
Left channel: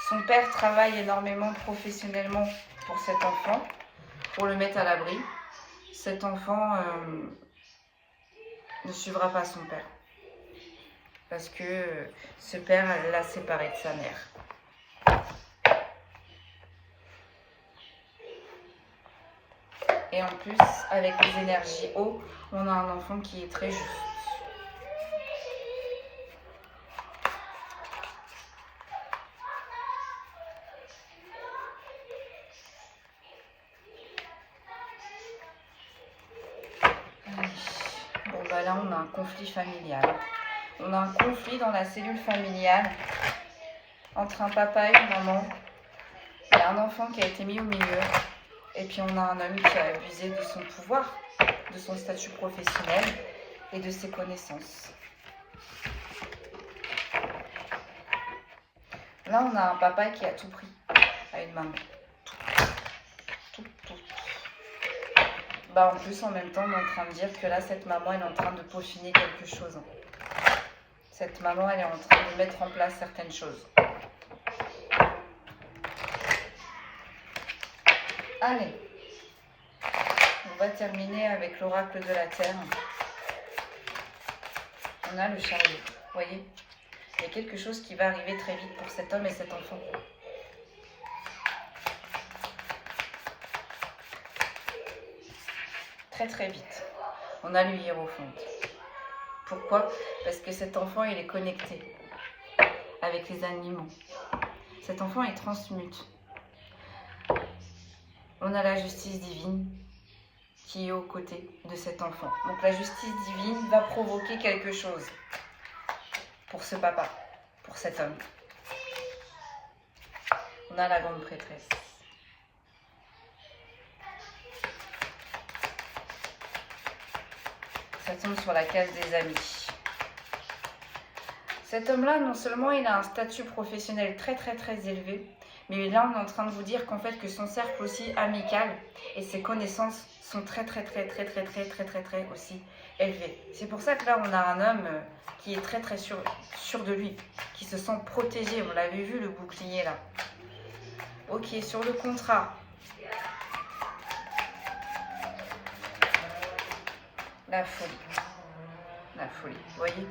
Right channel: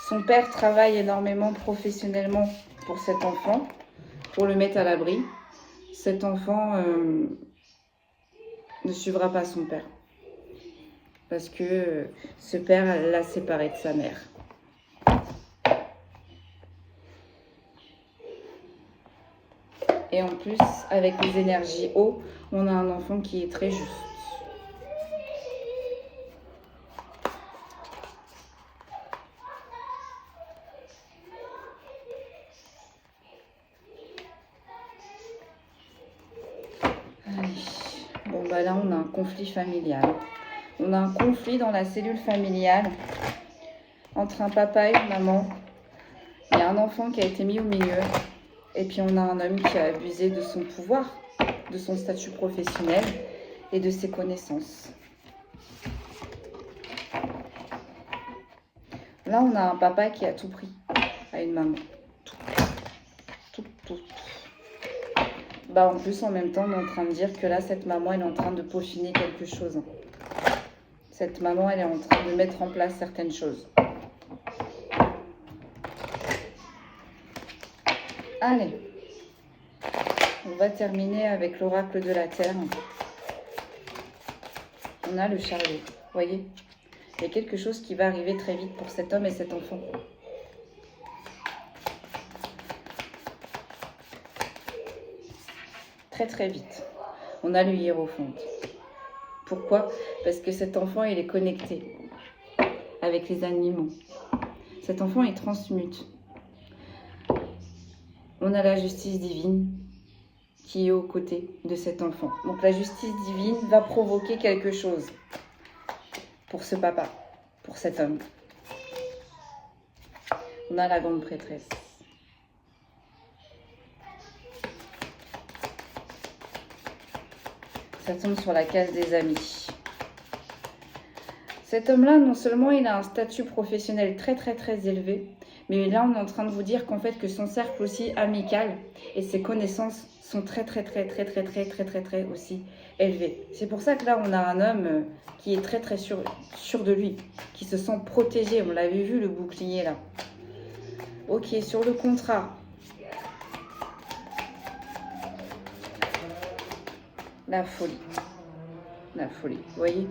Son père travaille énormément professionnellement pour cet enfant, pour le mettre à l'abri. Cet enfant ne suivra pas son père. Parce que ce père l'a séparé de sa mère. Et en plus, avec les énergies eau, on a un enfant qui est très juste. Allez. Bon. conflit familial. On a un conflit dans la cellule familiale entre un papa et une maman. Il y a un enfant qui a été mis au milieu. Et puis on a un homme qui a abusé de son pouvoir, de son statut professionnel et de ses connaissances. Là, on a un papa qui a tout pris à une maman. Tout. Bah, en plus, en même temps, on est en train de dire que là, cette maman, elle est en train de peaufiner quelque chose. Cette maman, elle est en train de mettre en place certaines choses. Allez, on va terminer avec l'oracle de la Terre. On a le chariot, vous voyez? Il y a quelque chose qui va arriver très vite pour cet homme et cet enfant. Très vite. On a le hiérophante. Pourquoi? Parce que cet enfant, il est connecté avec les animaux. Cet enfant, il transmute. On a la justice divine qui est aux côtés de cet enfant. Donc la justice divine va provoquer quelque chose pour ce papa, pour cet homme. On a la grande prêtresse. Ça tombe sur la case des amis. Cet homme-là, non seulement il a un statut professionnel très élevé, mais là on est en train de vous dire qu'en fait que son cercle aussi amical et ses connaissances sont très aussi élevées. C'est pour ça que là on a un homme qui est très sûr de lui, qui se sent protégé. On l'avait vu le bouclier là. Ok, sur le contrat. La folie. La folie, vous voyez?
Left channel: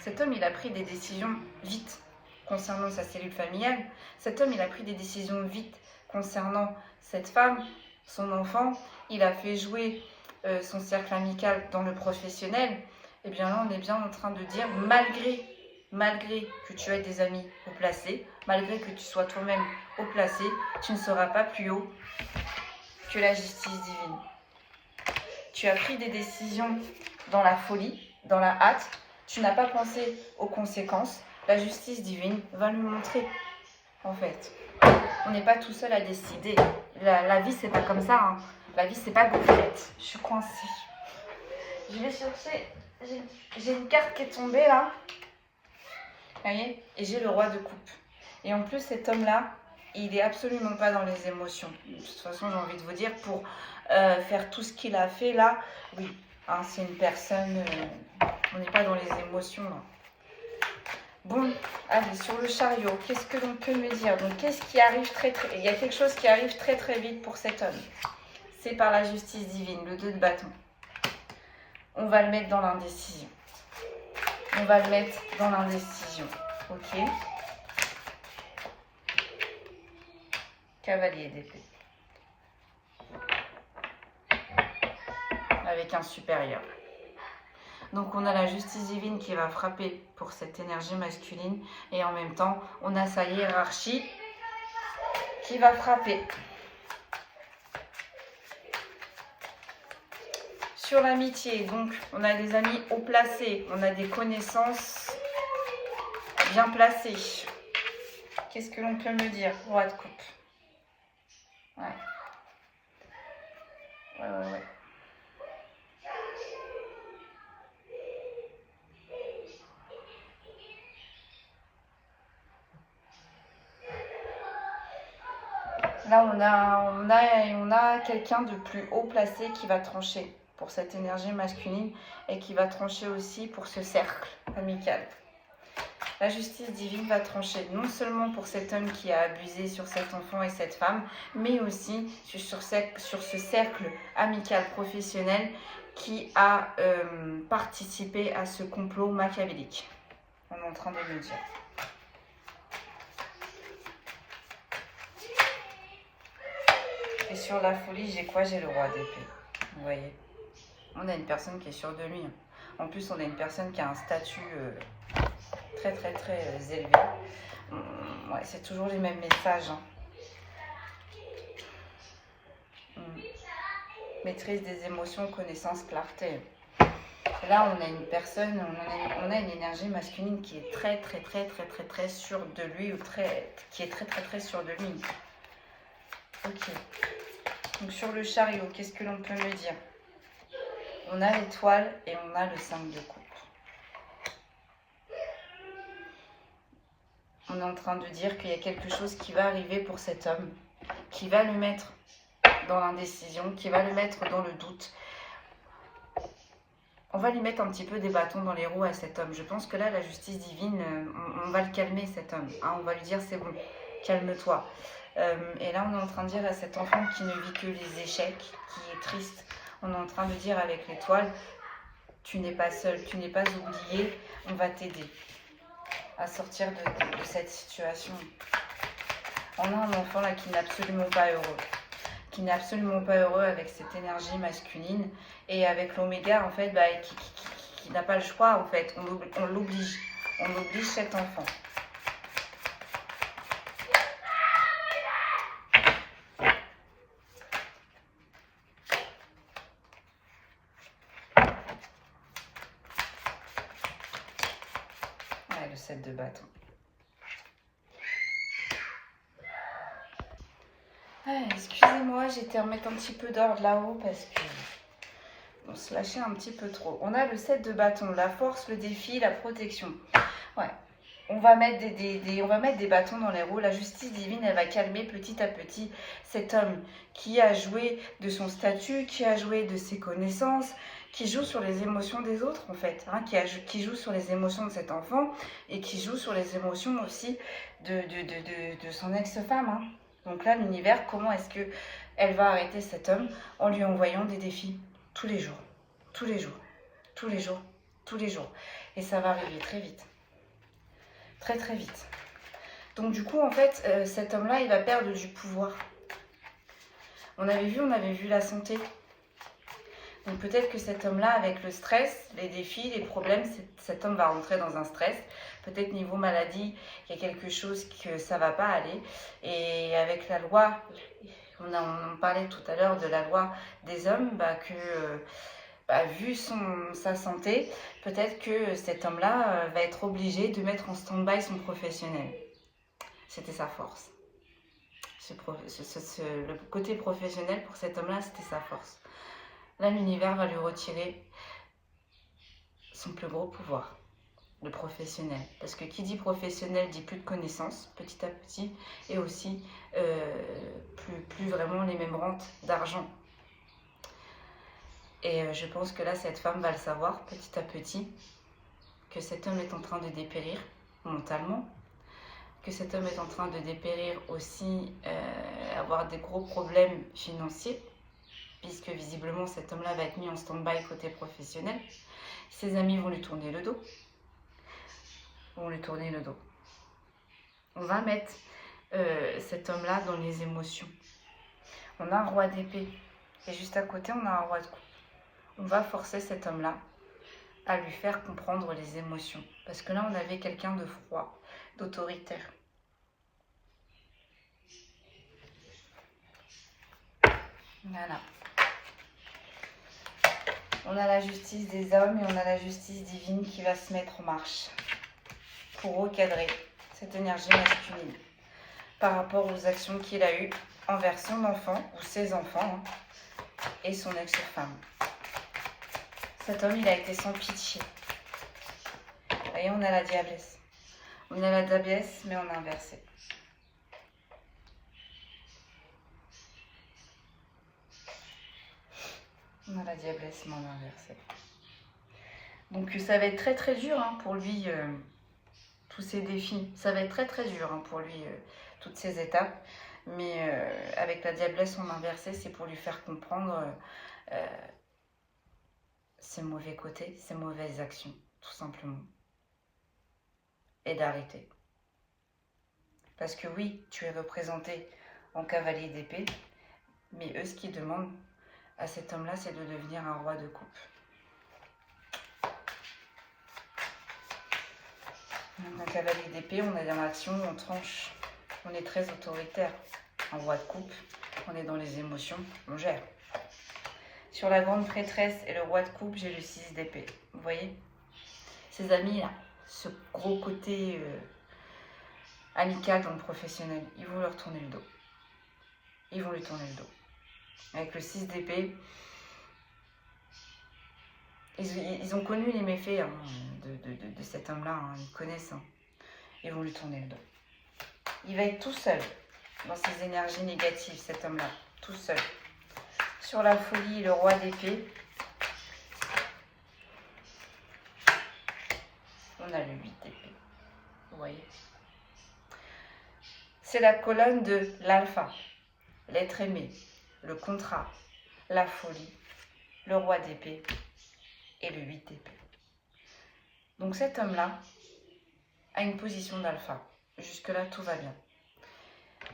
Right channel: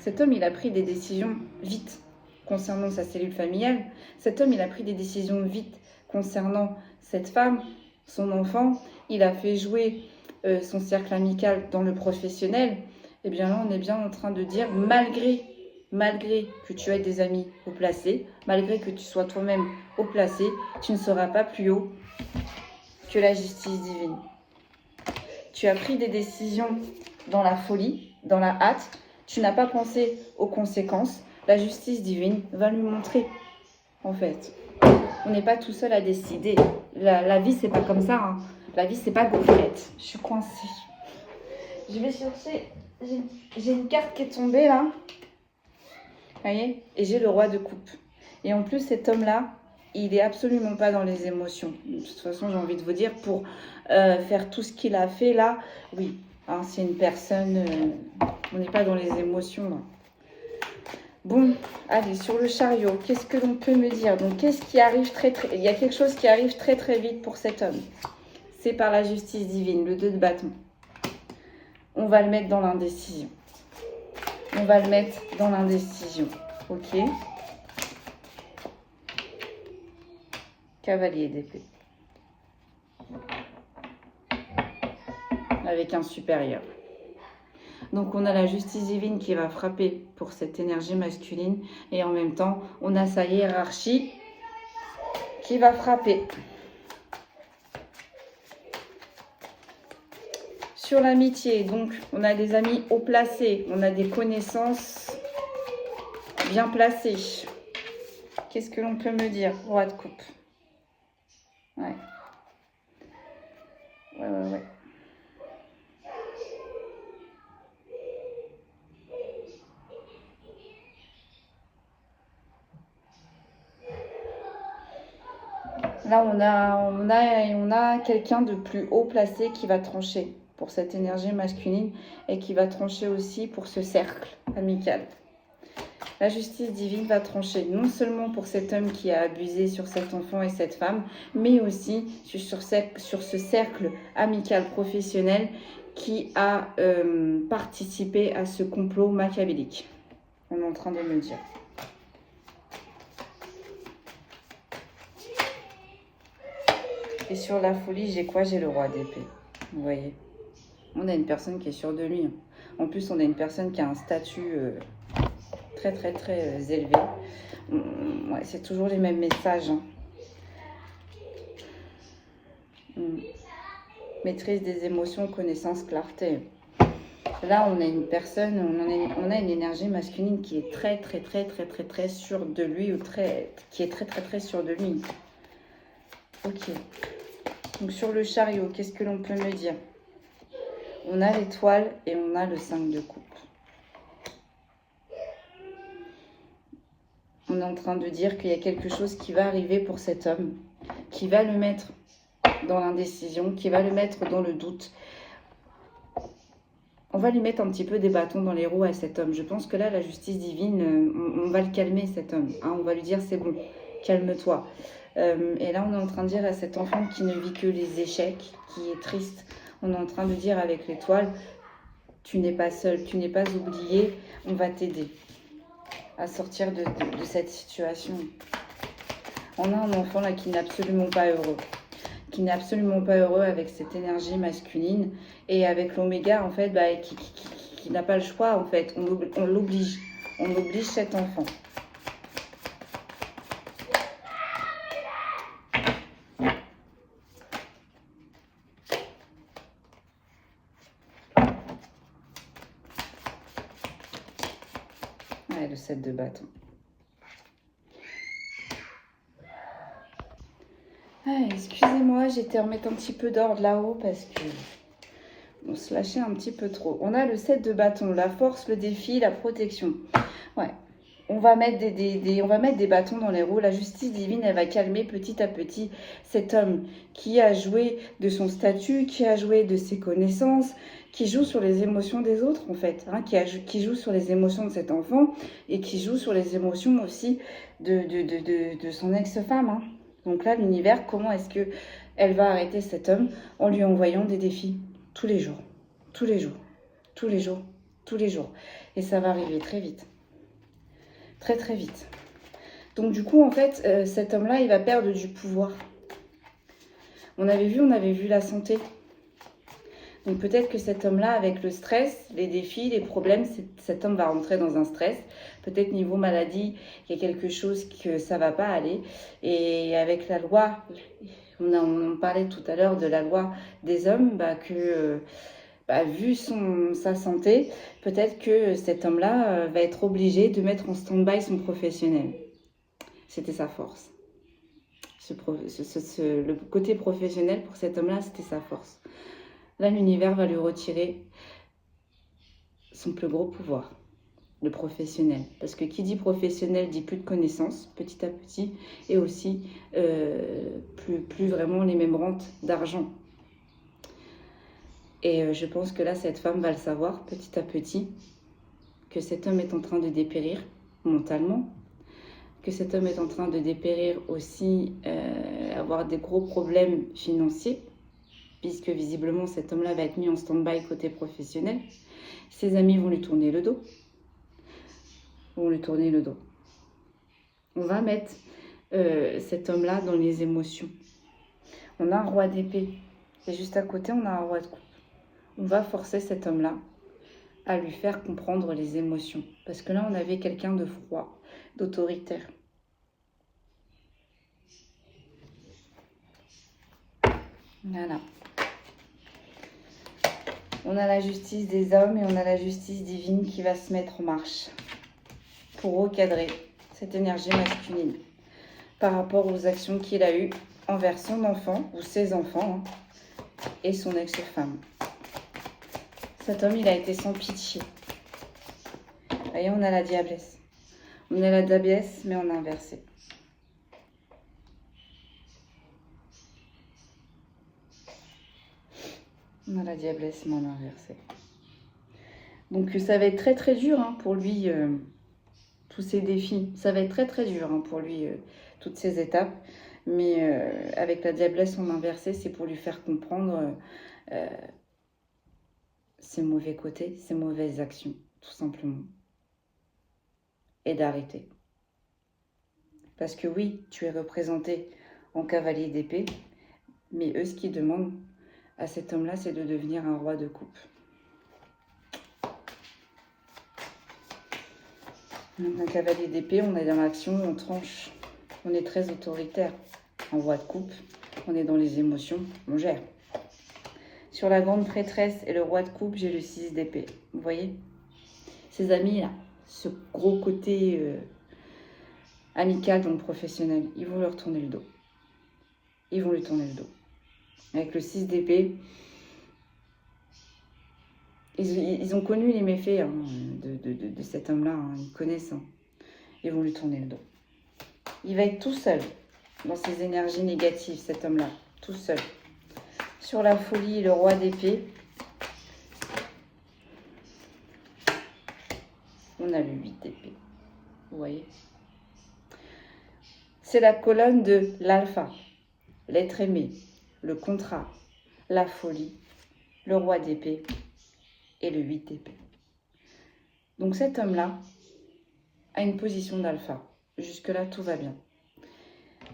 Cet homme, il a pris des décisions vite concernant sa cellule familiale. Cet homme, il a pris des décisions vite concernant cette femme, son enfant. Il a fait jouer son cercle amical dans le professionnel. Et bien là, on est bien en train de dire, malgré que tu aies des amis haut placés, malgré que tu sois toi-même haut placé, tu ne seras pas plus haut que la justice divine. Tu as pris des décisions dans la folie, dans la hâte. Tu n'as pas pensé aux conséquences. La justice divine va lui montrer, en fait. On n'est pas tout seul à décider. La vie, c'est pas comme ça. Hein. La vie, c'est pas gaufrette. Je suis coincée. Je vais chercher. J'ai une carte qui est tombée, là. Vous voyez? Et j'ai le roi de coupe. Et en plus, cet homme-là, il est absolument pas dans les émotions. De toute façon, j'ai envie de vous dire, pour faire tout ce qu'il a fait, là, oui. Hein, c'est une personne... on n'est pas dans les émotions, là. Bon, allez, sur le chariot, qu'est-ce que l'on peut me dire? Donc, qu'est-ce qui arrive il y a quelque chose qui arrive très vite pour cet homme. C'est par la justice divine, le 2 de bâton. On va le mettre dans l'indécision. On va le mettre dans l'indécision. Ok. Cavalier d'épée. Avec un supérieur. Donc on a la justice divine qui va frapper pour cette énergie masculine et en même temps on a sa hiérarchie qui va frapper. Sur l'amitié, donc on a des amis haut placés, on a des connaissances bien placées. Qu'est-ce que l'on peut me dire? Roi de coupe. Ouais. Là, on a quelqu'un de plus haut placé qui va trancher pour cette énergie masculine et qui va trancher aussi pour ce cercle amical. La justice divine va trancher non seulement pour cet homme qui a abusé sur cet enfant et cette femme, mais aussi sur ce cercle amical professionnel qui a participé à ce complot machiavélique. On est en train de me dire. Et sur la folie, j'ai quoi? J'ai le roi d'épée. Vous voyez? On a une personne qui est sûre de lui. En plus, on a une personne qui a un statut très élevé. Ouais, c'est toujours les mêmes messages. Hein. Maîtrise des émotions, connaissance, clarté. Là, on a une personne, on a une énergie masculine qui est très sûre de lui, ou qui est très sûre de lui. Ok. Donc sur le chariot, qu'est-ce que l'on peut me dire? On a l'étoile et on a le 5 de coupe. On est en train de dire qu'il y a quelque chose qui va arriver pour cet homme, qui va le mettre dans l'indécision, qui va le mettre dans le doute. On va lui mettre un petit peu des bâtons dans les roues à cet homme. Je pense que là, la justice divine, on va le calmer, cet homme. Hein, on va lui dire, c'est bon, calme-toi. Et là, on est en train de dire à cet enfant qui ne vit que les échecs, qui est triste, on est en train de dire avec l'étoile, tu n'es pas seul, tu n'es pas oublié, on va t'aider à sortir de cette situation. On a un enfant là qui n'est absolument pas heureux. Qui n'est absolument pas heureux avec cette énergie masculine et avec l'oméga en fait qui n'a pas le choix en fait, on l'oblige cet enfant. Voilà le 7 de bâton. Excusez-moi, j'étais remettre un petit peu d'ordre là-haut parce que on se lâchait un petit peu trop. On a le 7 de bâton, la force, le défi, la protection. Ouais. On va mettre des bâtons dans les roues. La justice divine, elle va calmer petit à petit cet homme qui a joué de son statut, qui a joué de ses connaissances, qui joue sur les émotions des autres en fait, hein, qui joue sur les émotions de cet enfant et qui joue sur les émotions aussi de son ex-femme. Hein. Donc là, l'univers, comment est-ce qu'elle va arrêter cet homme? En lui envoyant des défis tous les jours, tous les jours, tous les jours, tous les jours. Et ça va arriver très vite. Très vite. Donc du coup, en fait, cet homme-là, il va perdre du pouvoir. On avait vu la santé. Donc peut-être que cet homme-là, avec le stress, les défis, les problèmes, cet homme va rentrer dans un stress. Peut-être niveau maladie, il y a quelque chose que ça ne va pas aller. Et avec la loi, on en parlait tout à l'heure de la loi des hommes, vu sa santé, peut-être que cet homme-là va être obligé de mettre en stand-by son professionnel. C'était sa force. Le côté professionnel pour cet homme-là, c'était sa force. Là, l'univers va lui retirer son plus gros pouvoir, le professionnel. Parce que qui dit professionnel dit plus de connaissances, petit à petit, et aussi plus vraiment les mêmes rentes d'argent. Et je pense que là, cette femme va le savoir petit à petit, que cet homme est en train de dépérir mentalement, que cet homme est en train de dépérir aussi, avoir des gros problèmes financiers, puisque visiblement cet homme-là va être mis en stand-by côté professionnel. Ses amis vont lui tourner le dos. On va mettre cet homme-là dans les émotions. On a un roi d'épée et juste à côté, on a un roi de coupe. On va forcer cet homme-là à lui faire comprendre les émotions. Parce que là, on avait quelqu'un de froid, d'autoritaire. Voilà. On a la justice des hommes et on a la justice divine qui va se mettre en marche pour recadrer cette énergie masculine par rapport aux actions qu'il a eues envers son enfant ou ses enfants et son ex-femme. Cet homme, il a été sans pitié. Vous voyez, on a la diablesse. On a la diablesse, mais en inversé. On a la diablesse, mais en inversé. Donc, ça va être très dur pour lui, tous ces défis. Ça va être très dur pour lui, toutes ces étapes. Mais avec la diablesse en inversé, c'est pour lui faire comprendre ses mauvais côtés, ses mauvaises actions, tout simplement. Et d'arrêter. Parce que oui, tu es représenté en cavalier d'épée, mais eux, ce qu'ils demandent à cet homme-là, c'est de devenir un roi de coupe. Donc, un cavalier d'épée, on est dans l'action, on tranche, on est très autoritaire. Un roi de coupe, on est dans les émotions, on gère. Sur la grande prêtresse et le roi de coupe, j'ai le 6 d'épée. Vous voyez? Ces amis là, ce gros côté amical dans le professionnel, ils vont leur tourner le dos. Ils vont lui tourner le dos. Avec le 6 d'épée, ils ont connu les méfaits hein, de cet homme-là, hein, ils connaissent. Hein. Ils vont lui tourner le dos. Il va être tout seul dans ses énergies négatives, cet homme-là, tout seul. Sur la folie, le roi d'épée, on a le 8 d'épée. Vous voyez? C'est la colonne de l'alpha, l'être aimé, le contrat, la folie, le roi d'épée et le 8 d'épée. Donc cet homme-là a une position d'alpha. Jusque-là, tout va bien.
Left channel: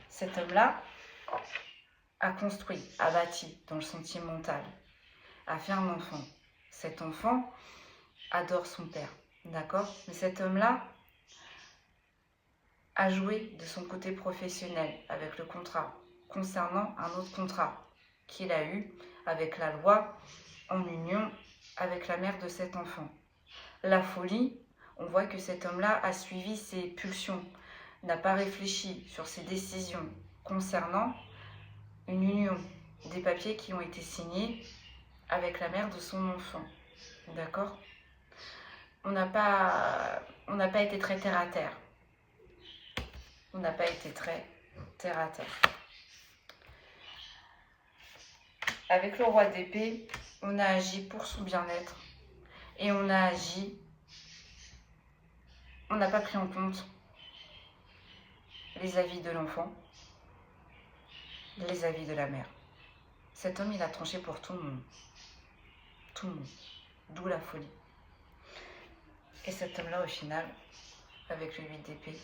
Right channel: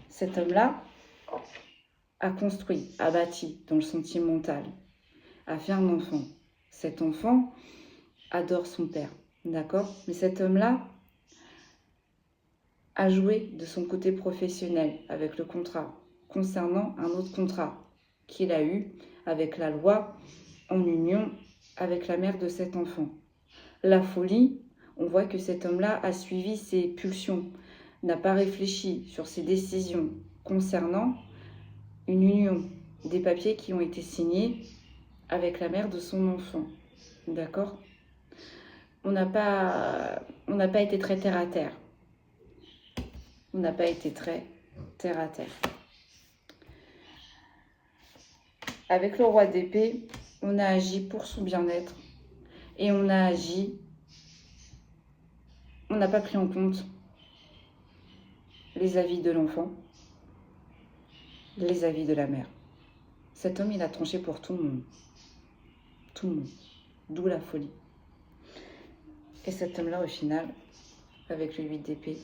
Cet homme-là a construit, a bâti dans le sentimental, a fait un enfant. Cet enfant adore son père, d'accord? Mais cet homme-là a joué de son côté professionnel avec le contrat, concernant un autre contrat qu'il a eu avec la loi en union avec la mère de cet enfant. La folie, on voit que cet homme-là a suivi ses pulsions, n'a pas réfléchi sur ses décisions concernant une union, des papiers qui ont été signés avec la mère de son enfant. D'accord? On n'a pas été très terre à terre. On n'a pas été très terre à terre. Avec le roi d'épée, on a agi pour son bien-être et on a agi, on n'a pas pris en compte les avis de l'enfant, les avis de la mère. Cet homme, il a tranché pour tout le monde. Tout le monde. D'où la folie. Et cet homme-là, au final, avec le 8 d'épée,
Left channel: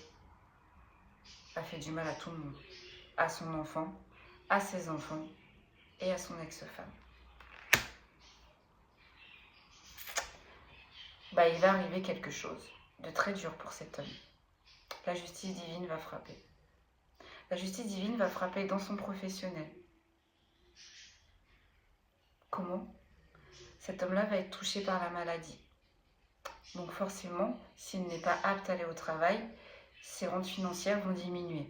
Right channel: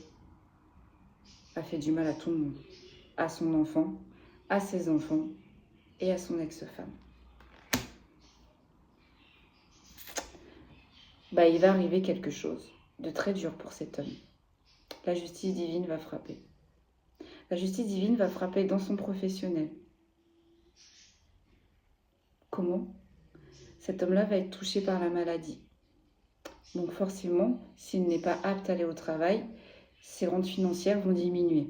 a fait du mal à tout le monde. À son enfant, à ses enfants et à son ex-femme. Il va arriver quelque chose de très dur pour cet homme. La justice divine va frapper. La justice divine va frapper dans son professionnel. Comment? Cet homme-là va être touché par la maladie. Donc forcément, s'il n'est pas apte à aller au travail, ses rentes financières vont diminuer.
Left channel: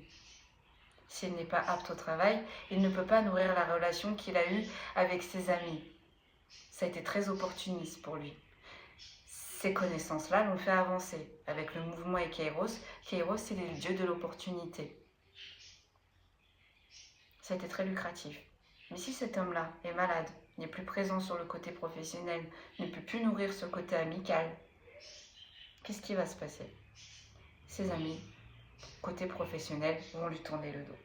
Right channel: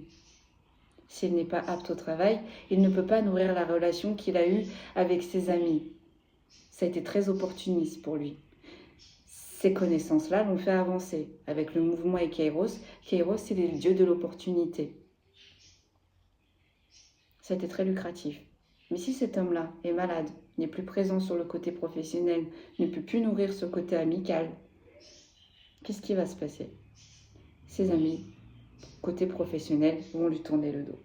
S'il n'est pas apte au travail, il ne peut pas nourrir la relation qu'il a eue avec ses amis. Ça a été très opportuniste pour lui. Ces connaissances-là l'ont fait avancer. Avec le mouvement et Kairos, Kairos, c'est le dieu de l'opportunité. Ça a été très lucratif. Mais si cet homme-là est malade, n'est plus présent sur le côté professionnel, ne peut plus nourrir ce côté amical, qu'est-ce qui va se passer? Ses amis, côté professionnel, vont lui tourner le dos.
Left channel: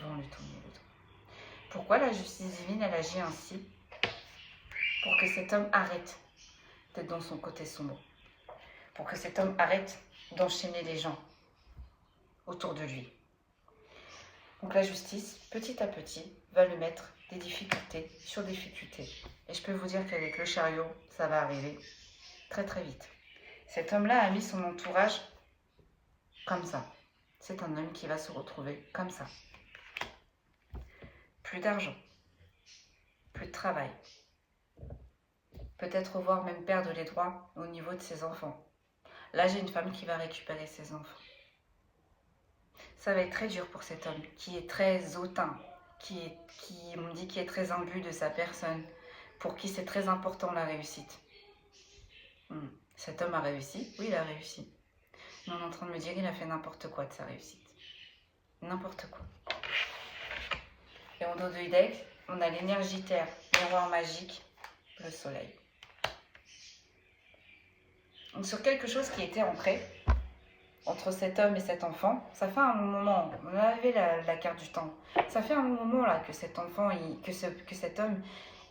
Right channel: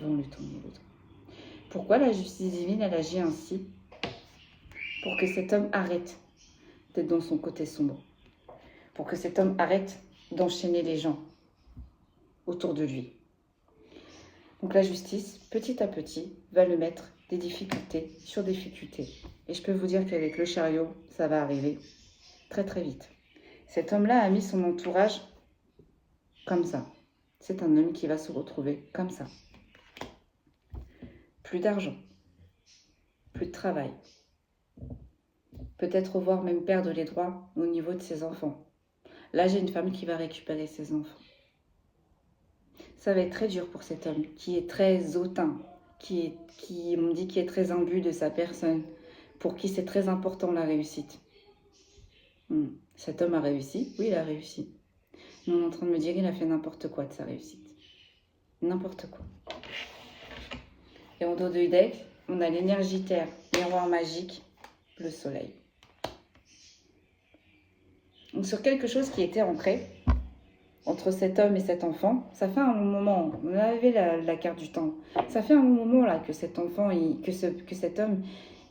Vont lui tourner le dos. Pourquoi la justice divine, elle agit ainsi? Pour que cet homme arrête d'être dans son côté sombre. Pour que cet homme arrête d'enchaîner les gens autour de lui. Donc la justice, petit à petit, va le mettre des difficultés sur difficultés. Et je peux vous dire qu'avec le chariot, ça va arriver très très vite. Cet homme-là a mis son entourage comme ça. C'est un homme qui va se retrouver comme ça. Plus d'argent, plus de travail. Peut-être voire même perdre les droits au niveau de ses enfants. Là, j'ai une femme qui va récupérer ses enfants. Ça va être très dur pour cet homme qui est très hautain, on dit, qui est très imbu de sa personne, pour qui c'est très important la réussite. Cet homme a réussi? Oui, il a réussi. Mais on est en train de me dire qu'il a fait n'importe quoi de sa réussite. N'importe quoi. Et en dos de deck, on a l'énergie terre, miroir magique, le soleil. Donc sur quelque chose qui était ancré entre cet homme et cet enfant, ça fait un moment, on avait la carte du temps, ça fait un moment là que cet enfant, que cet homme,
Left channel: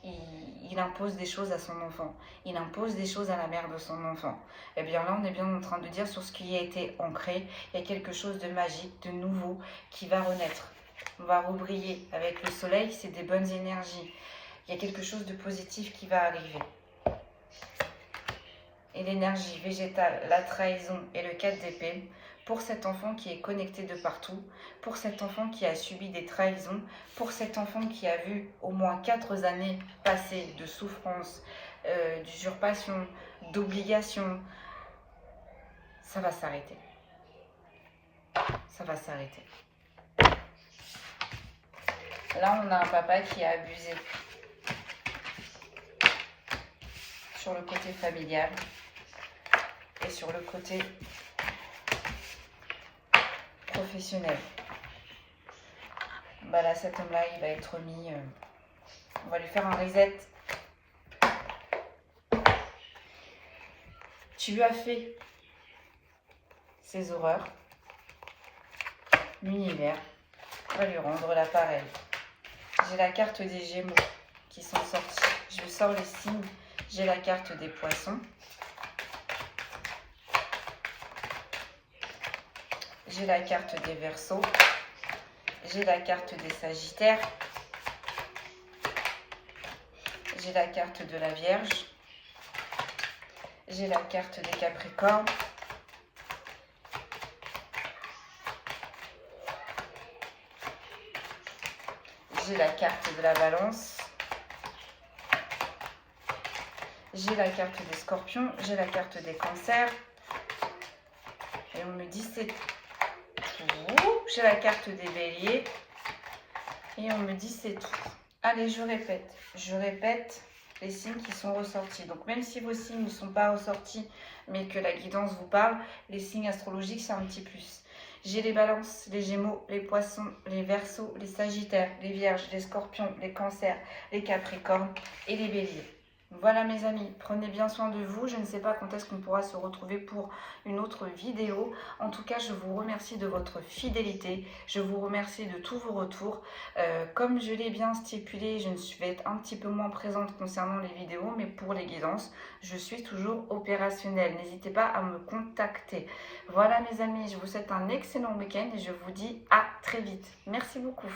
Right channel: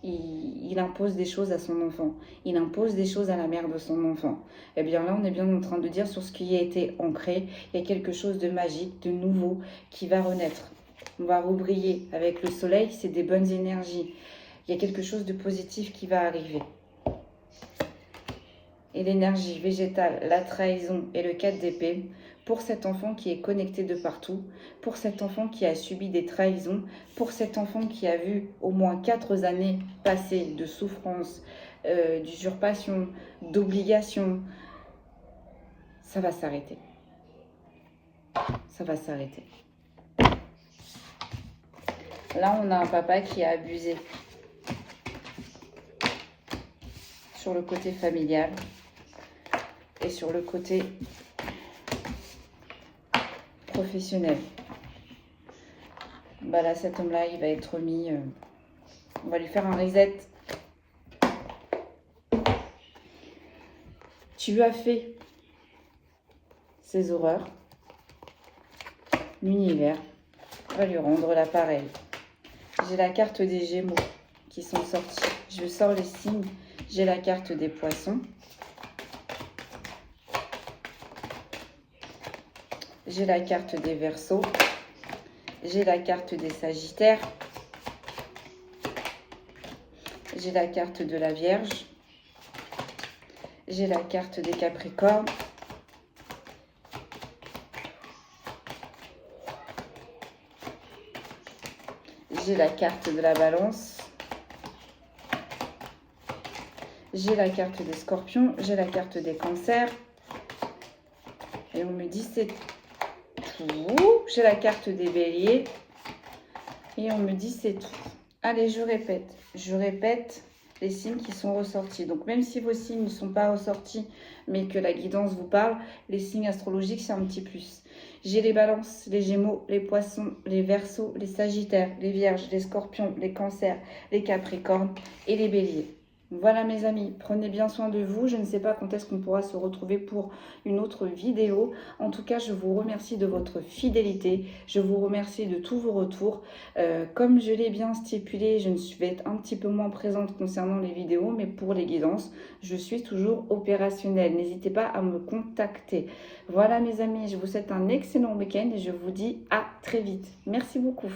il impose des choses à son enfant, il impose des choses à la mère de son enfant. Et bien là, on est bien en train de dire sur ce qui a été ancré, il y a quelque chose de magique, de nouveau qui va renaître. On va rebriller avec le soleil, c'est des bonnes énergies. Il y a quelque chose de positif qui va arriver. Et l'énergie végétale, la trahison et le 4 d'épée, pour cet enfant qui est connecté de partout, pour cet enfant qui a subi des trahisons, pour cet enfant qui a vu au moins 4 années passées de souffrance, d'usurpation, d'obligation, ça va s'arrêter. Ça va s'arrêter. Là, on a un papa qui a abusé sur le côté familial et sur le côté professionnel. Bah là, cet homme-là, il va être mis... on va lui faire un reset. Tu lui as fait ces horreurs. L'univers va lui rendre l'appareil. J'ai la carte des Gémeaux qui sont sortis. Je sors le signe. J'ai la carte des Poissons. J'ai la carte des Verseaux. J'ai la carte des Sagittaires. J'ai la carte de la Vierge. J'ai la carte des Capricornes. J'ai la carte de la Balance. J'ai la carte des Scorpions. J'ai la carte des Cancers. Et on me dit c'est tout. J'ai la carte des Béliers. Et on me dit c'est tout. Allez, je répète les signes qui sont ressortis. Donc même si vos signes ne sont pas ressortis, mais que la guidance vous parle, les signes astrologiques, c'est un petit plus. J'ai les Balances, les Gémeaux, les Poissons, les Verseaux, les Sagittaires, les Vierges, les Scorpions, les Cancers, les Capricornes et les Béliers. Voilà mes amis, prenez bien soin de vous. Je ne sais pas quand est-ce qu'on pourra se retrouver pour une autre vidéo. En tout cas, je vous remercie de votre fidélité. Je vous remercie de tous vos retours. Comme je l'ai bien stipulé, je vais être un petit peu moins présente concernant les vidéos, mais pour les guidances, je suis toujours opérationnelle. N'hésitez pas à me contacter. Voilà mes amis, je vous souhaite un excellent week-end et je vous dis à très vite. Merci beaucoup.